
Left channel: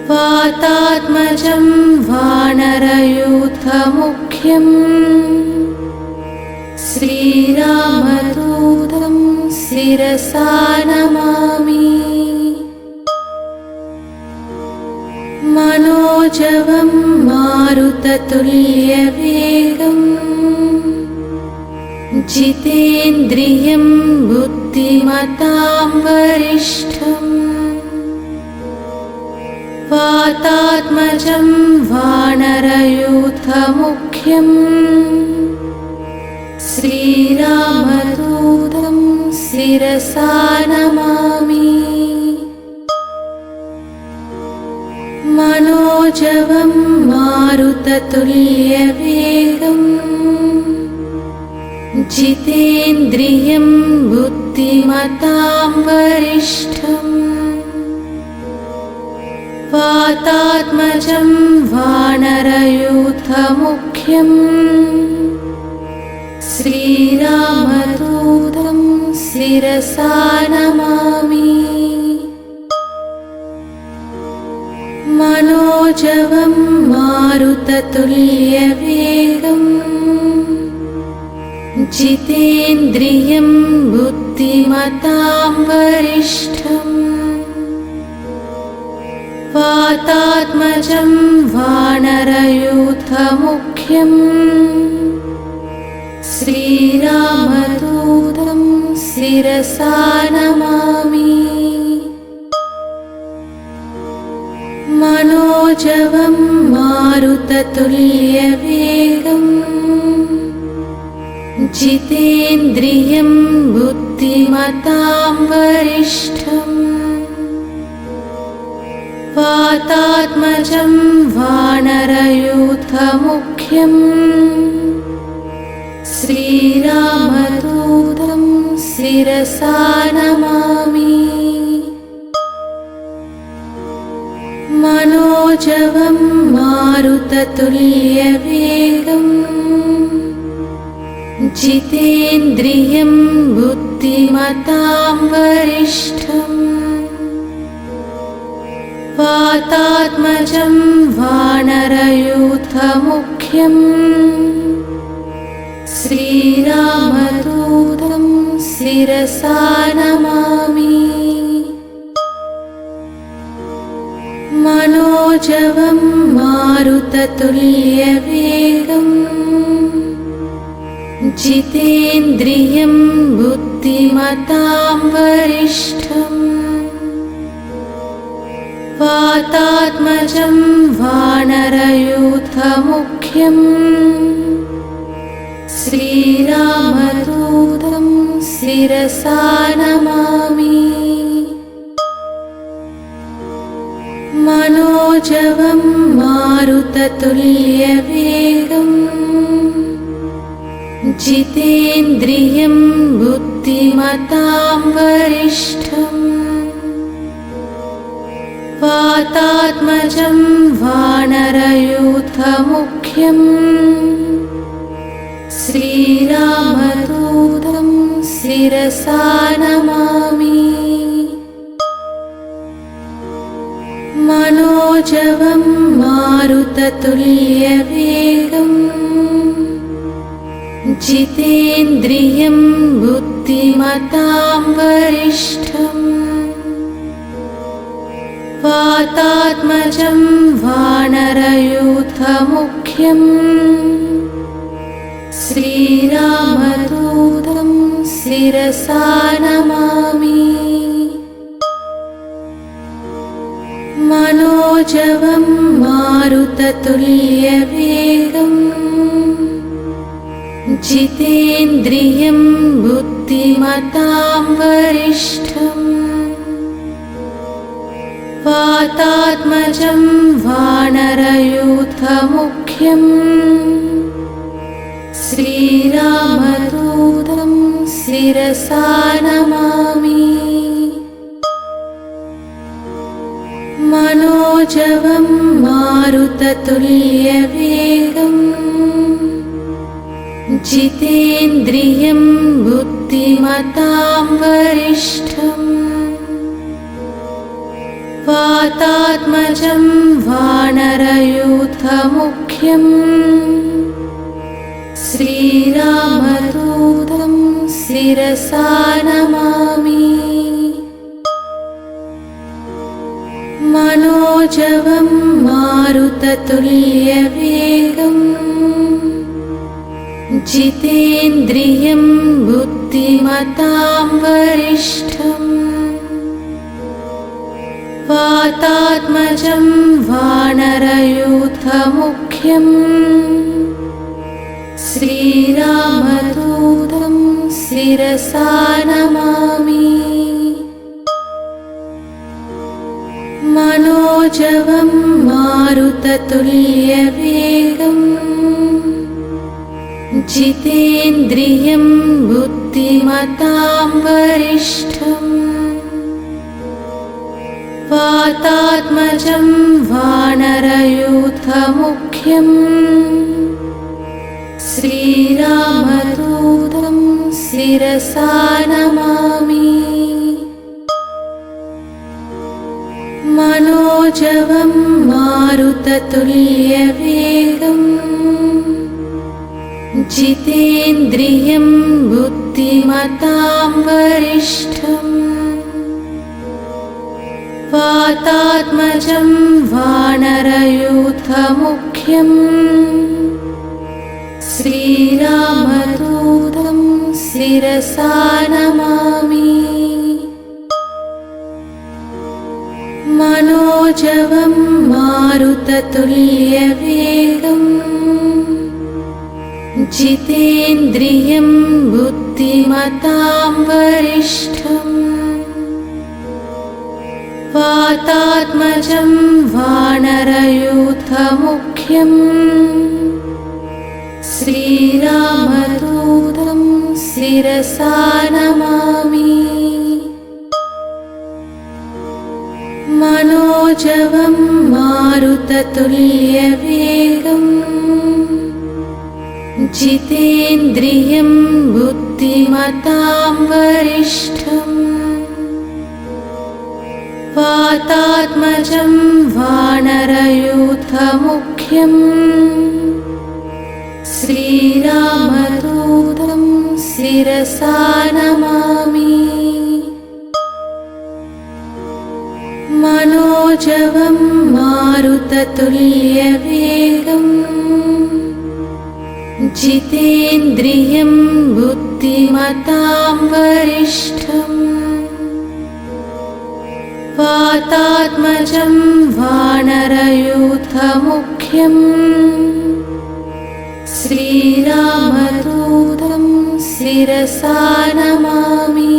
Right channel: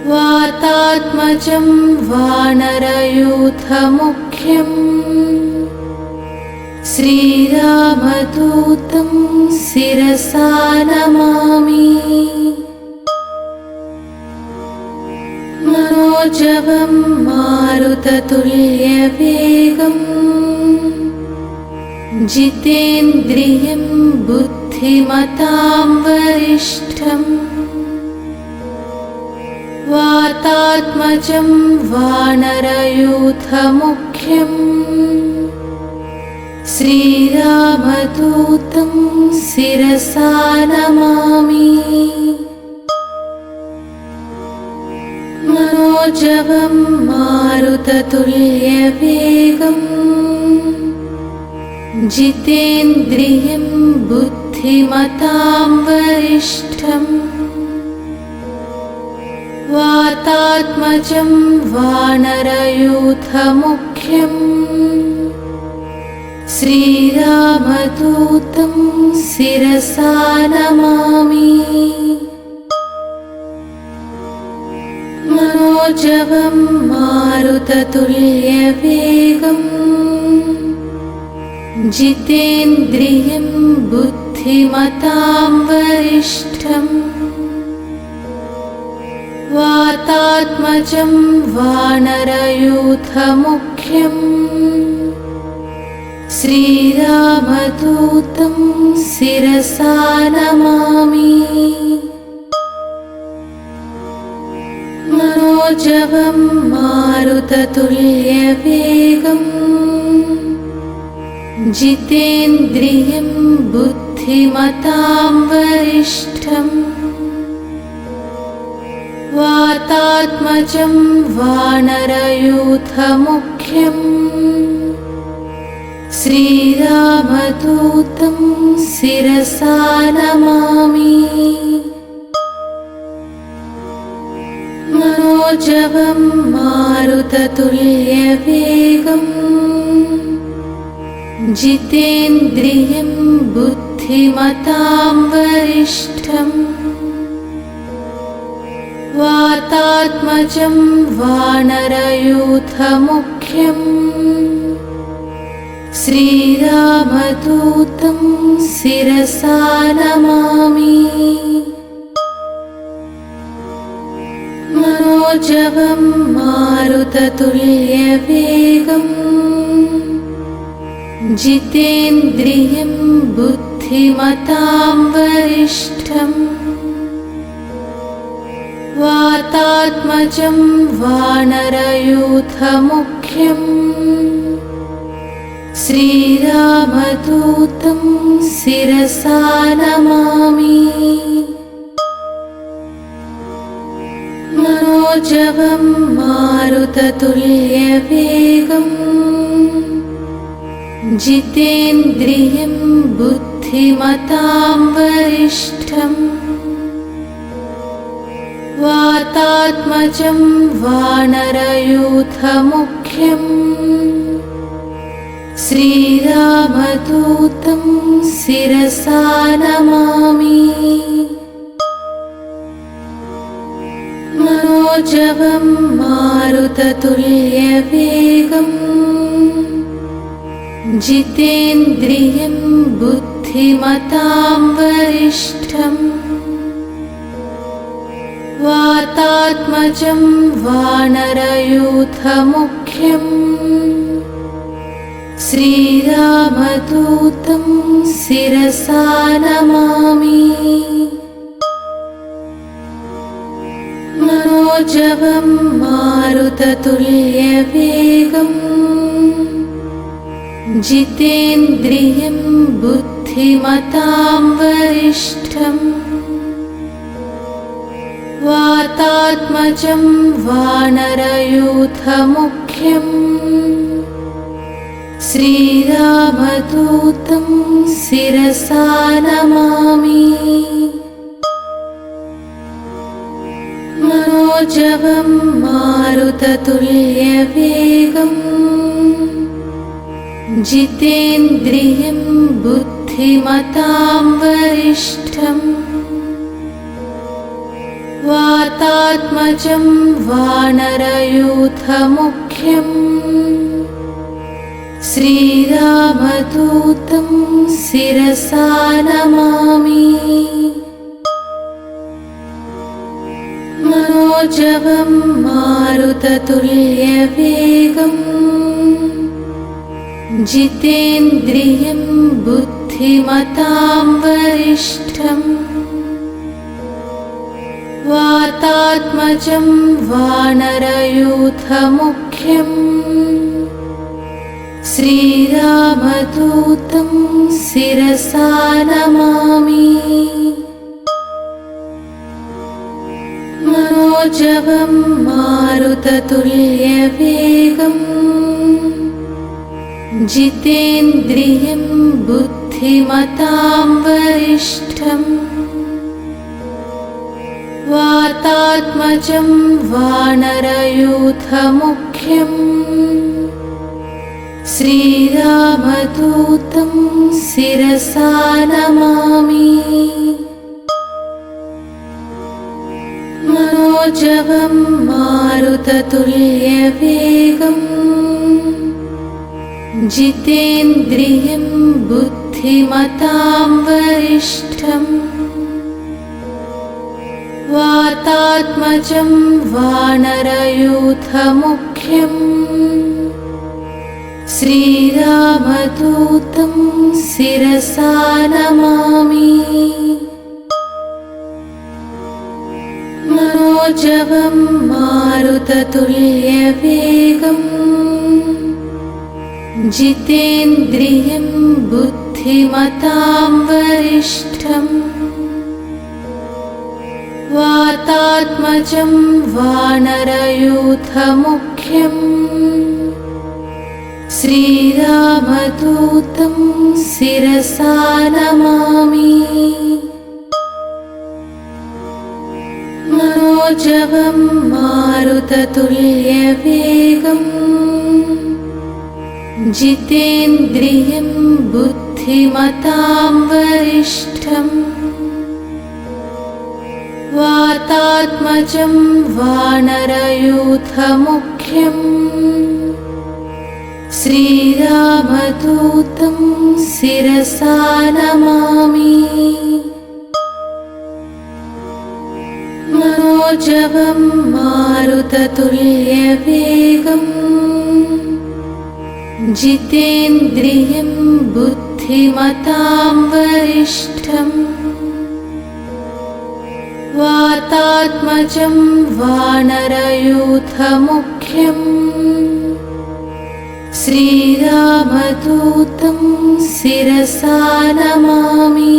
वातात्मजं वानरयूथमुख्यम् श्रीरामदूतं शिरसा नमामि मनोजवं मारुततुल्यवेगम् जितेन्द्रियं बुद्धिमतां वरिष्ठम् वातात्मजं वानरयूथमुख्यम् श्रीरामदूतं शिरसा नमामि मनोजवं मारुततुल्यवेगम् जितेन्द्रियं बुद्धि बुद्धिमतां वरिष्ठम् वातात्मजं वानरयूथमुख्यम् श्रीरामदूतं शिरसा नमामि मनोजवं मारुततुल्यवेगम् जितेन्द्रियं बुद्धिमतां वरिष्ठम् वातात्मजं वानरयूथमुख्यम् श्रीरामदूतं शिरसा नमामि मनोजवं मारुततुल्यवेगम् जितेन्द्रियं बुद्धिमतां वरिष्ठम् वातात्मजं वानरयूथमुख्यम् श्रीरामदूतं शिरसा नमामि मनोजवं मारुततुल्यवेगम् जितेन्द्रियं बुद्धिमतां वरिष्ठम् वातात्मजं वानरयूथमुख्यम् श्रीरामदूतं शिरसा नमामि मनोजवं मारुततुल्यवेगम् जितेन्द्रियं बुद्धिमतां वरिष्ठम् वातात्मजं वानरयूथमुख्यम् श्रीरामदूतं शिरसा नमामि मनोजवं मारुततुल्यवेगम् जितेन्द्रियं बुद्धिमतां वरिष्ठम् वातात्मजं वानरयूथमुख्यम् श्रीरामदूतं शिरसा नमामि मनोजवं मारुततुल्यवेगम् जितेन्द्रियं बुद्धिमतां वरिष्ठम् वातात्मजं वानरयूथमुख्यम् श्रीरामदूतं शिरसा नमामि मनोजवं मारुततुल्यवेगम् जितेन्द्रियं बुद्धिमतां वरिष्ठम् वातात्मजं वानरयूथमुख्यम् श्रीरामदूतं शिरसा नमामि मनोजवं मारुततुल्यवेगम् जितेन्द्रियं बुद्धिमतां वरिष्ठम् वातात्मजं वानरयूथमुख्यम् श्रीरामदूतं शिरसा नमामि मनोजवं मारुततुल्यवेगम् जितेन्द्रियं बुद्धिमतां वरिष्ठम् वातात्मजं वानरयूथमुख्यम् श्रीरामदूतं शिरसा नमामि मनोजवं मारुततुल्यवेगम् जितेन्द्रियं बुद्धि बुद्धिमतां वरिष्ठम् वातात्मजं वानरयूथमुख्यम् श्रीरामदूतं शिरसा नमामि मनोजवं मारुततुल्यवेगम् जितेन्द्रियं बुद्धिमतां वरिष्ठम् वातात्मजं वानरयूथमुख्यम् श्रीरामदूतं शिरसा नमामि मनोजवं मारुततुल्यवेगम् जितेन्द्रियं बुद्धिमतां वरिष्ठम् वातात्मजं वानरयूथमुख्यम् श्रीरामदूतं शिरसा नमामि मनोजवं मारुततुल्यवेगम् जितेन्द्रियं बुद्धिमतां वरिष्ठम् वातात्मजं वानरयूथमुख्यम् श्रीरामदूतं शिरसा नमामि मनोजवं मारुततुल्यवेगम् जितेन्द्रियं बुद्धिमतां वरिष्ठम् वातात्मजं वानरयूथमुख्यम् श्रीरामदूतं शिरसा नमामि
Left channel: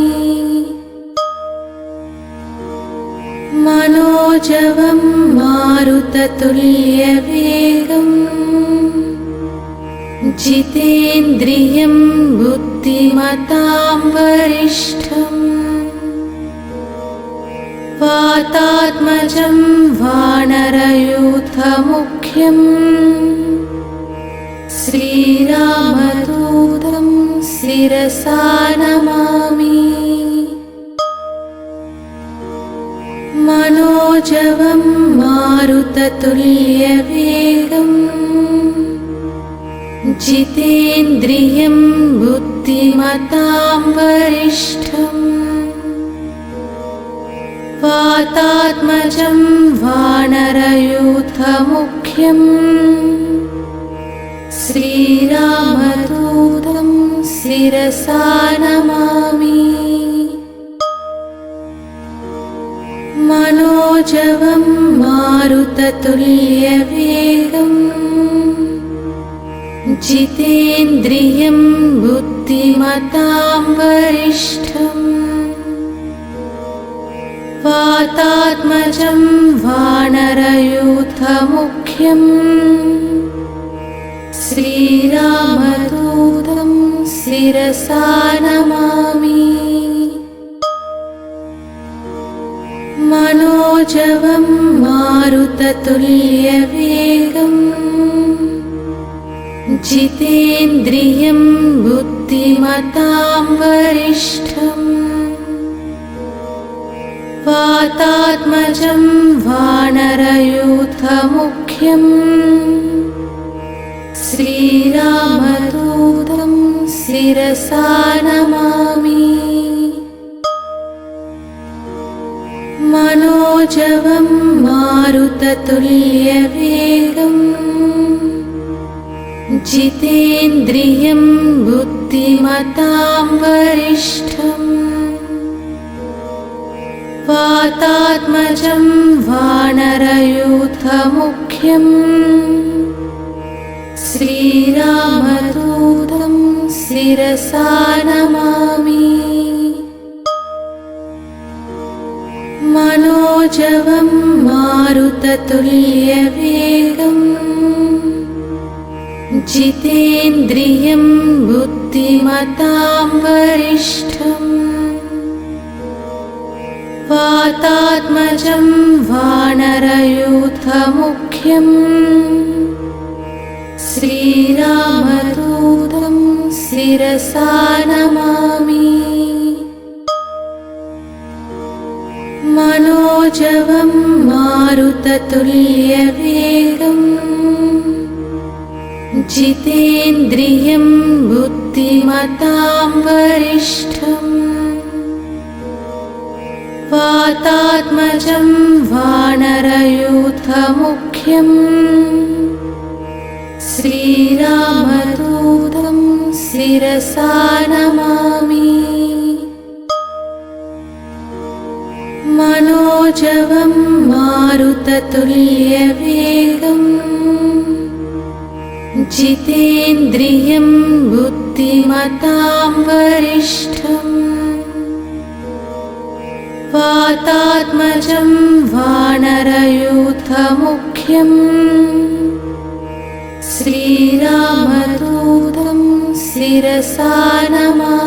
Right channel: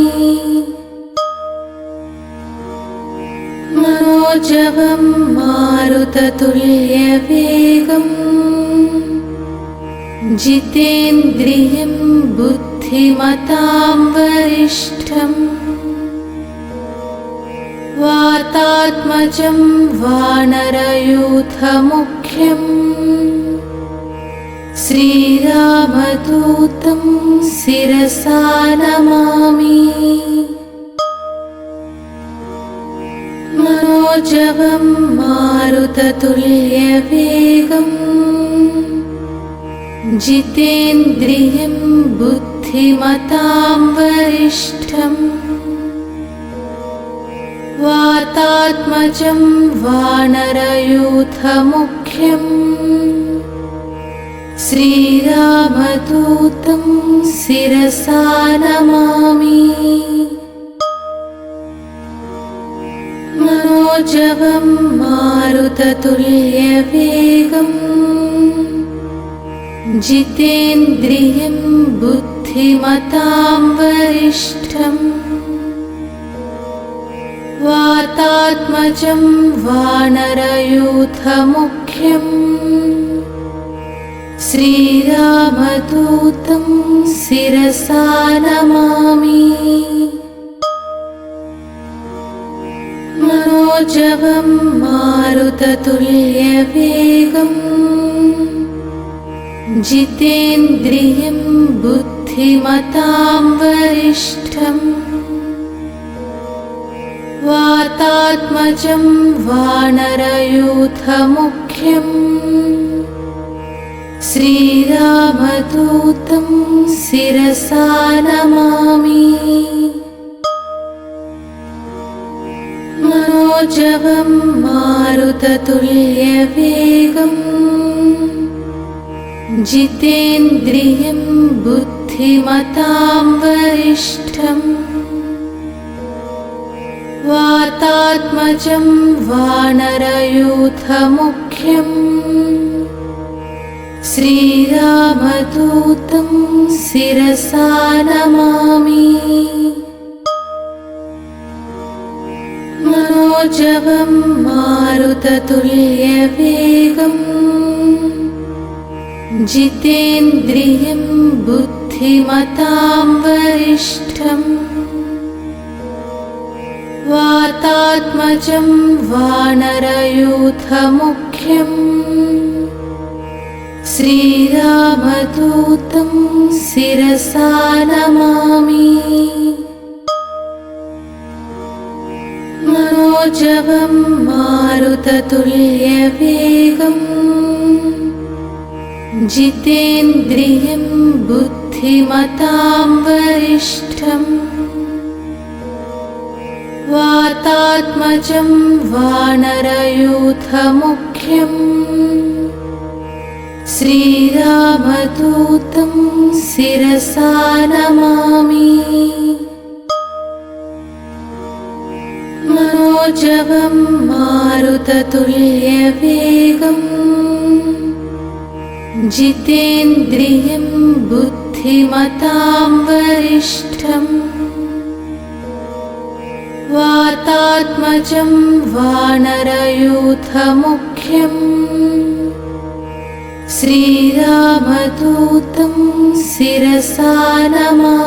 मनोजवं मारुततुल्यवेगम् जितेन्द्रियं बुद्धिमतां वरिष्ठम् वातात्मजं वानरयूथमुख्यम् श्रीरामदूतं शिरसा नमामि मनोजवं मारुततुल्यवेगम् जितेन्द्रियं बुद्धिमतां वरिष्ठम् वातात्मजं वानरयूथमुख्यम् श्रीरामदूतं शिरसा नमामि मनोजवं मारुततुल्यवेगम् जितेन्द्रियं बुद्धिमतां वरिष्ठम् वातात्मजं वानरयूथमुख्यम् श्रीरामदूतं शिरसा नमामि मनोजवं मारुततुल्यवेगम् जितेन्द्रियं बुद्धिमतां वरिष्ठम् वातात्मजं वानरयूथमुख्यम् श्रीरामदूतं शिरसा नमामि मनोजवं मारुततुल्यवेगम् जितेन्द्रियं बुद्धिमतां वरिष्ठम् वातात्मजं वानरयूथमुख्यम् श्रीरामदूतं शिरसा नमामि मनोजवं मारुततुल्यवेगम् जितेन्द्रियं बुद्धिमतां बुद्धिमतां वरिष्ठम् वातात्मजं वानरयूथमुख्यम् श्रीरामदूतं शिरसा नमामि मनोजवं मारुततुल्यवेगम् जितेन्द्रियं बुद्धिमतां वरिष्ठम् वातात्मजं वानरयूथमुख्यम् श्रीरामदूतं शिरसा नमामि मनोजवं मारुततुल्यवेगम् जितेन्द्रियं बुद्धिमतां वरिष्ठम् वातात्मजं वानरयूथमुख्यम् श्रीरामदूतं शिरसा नमामि।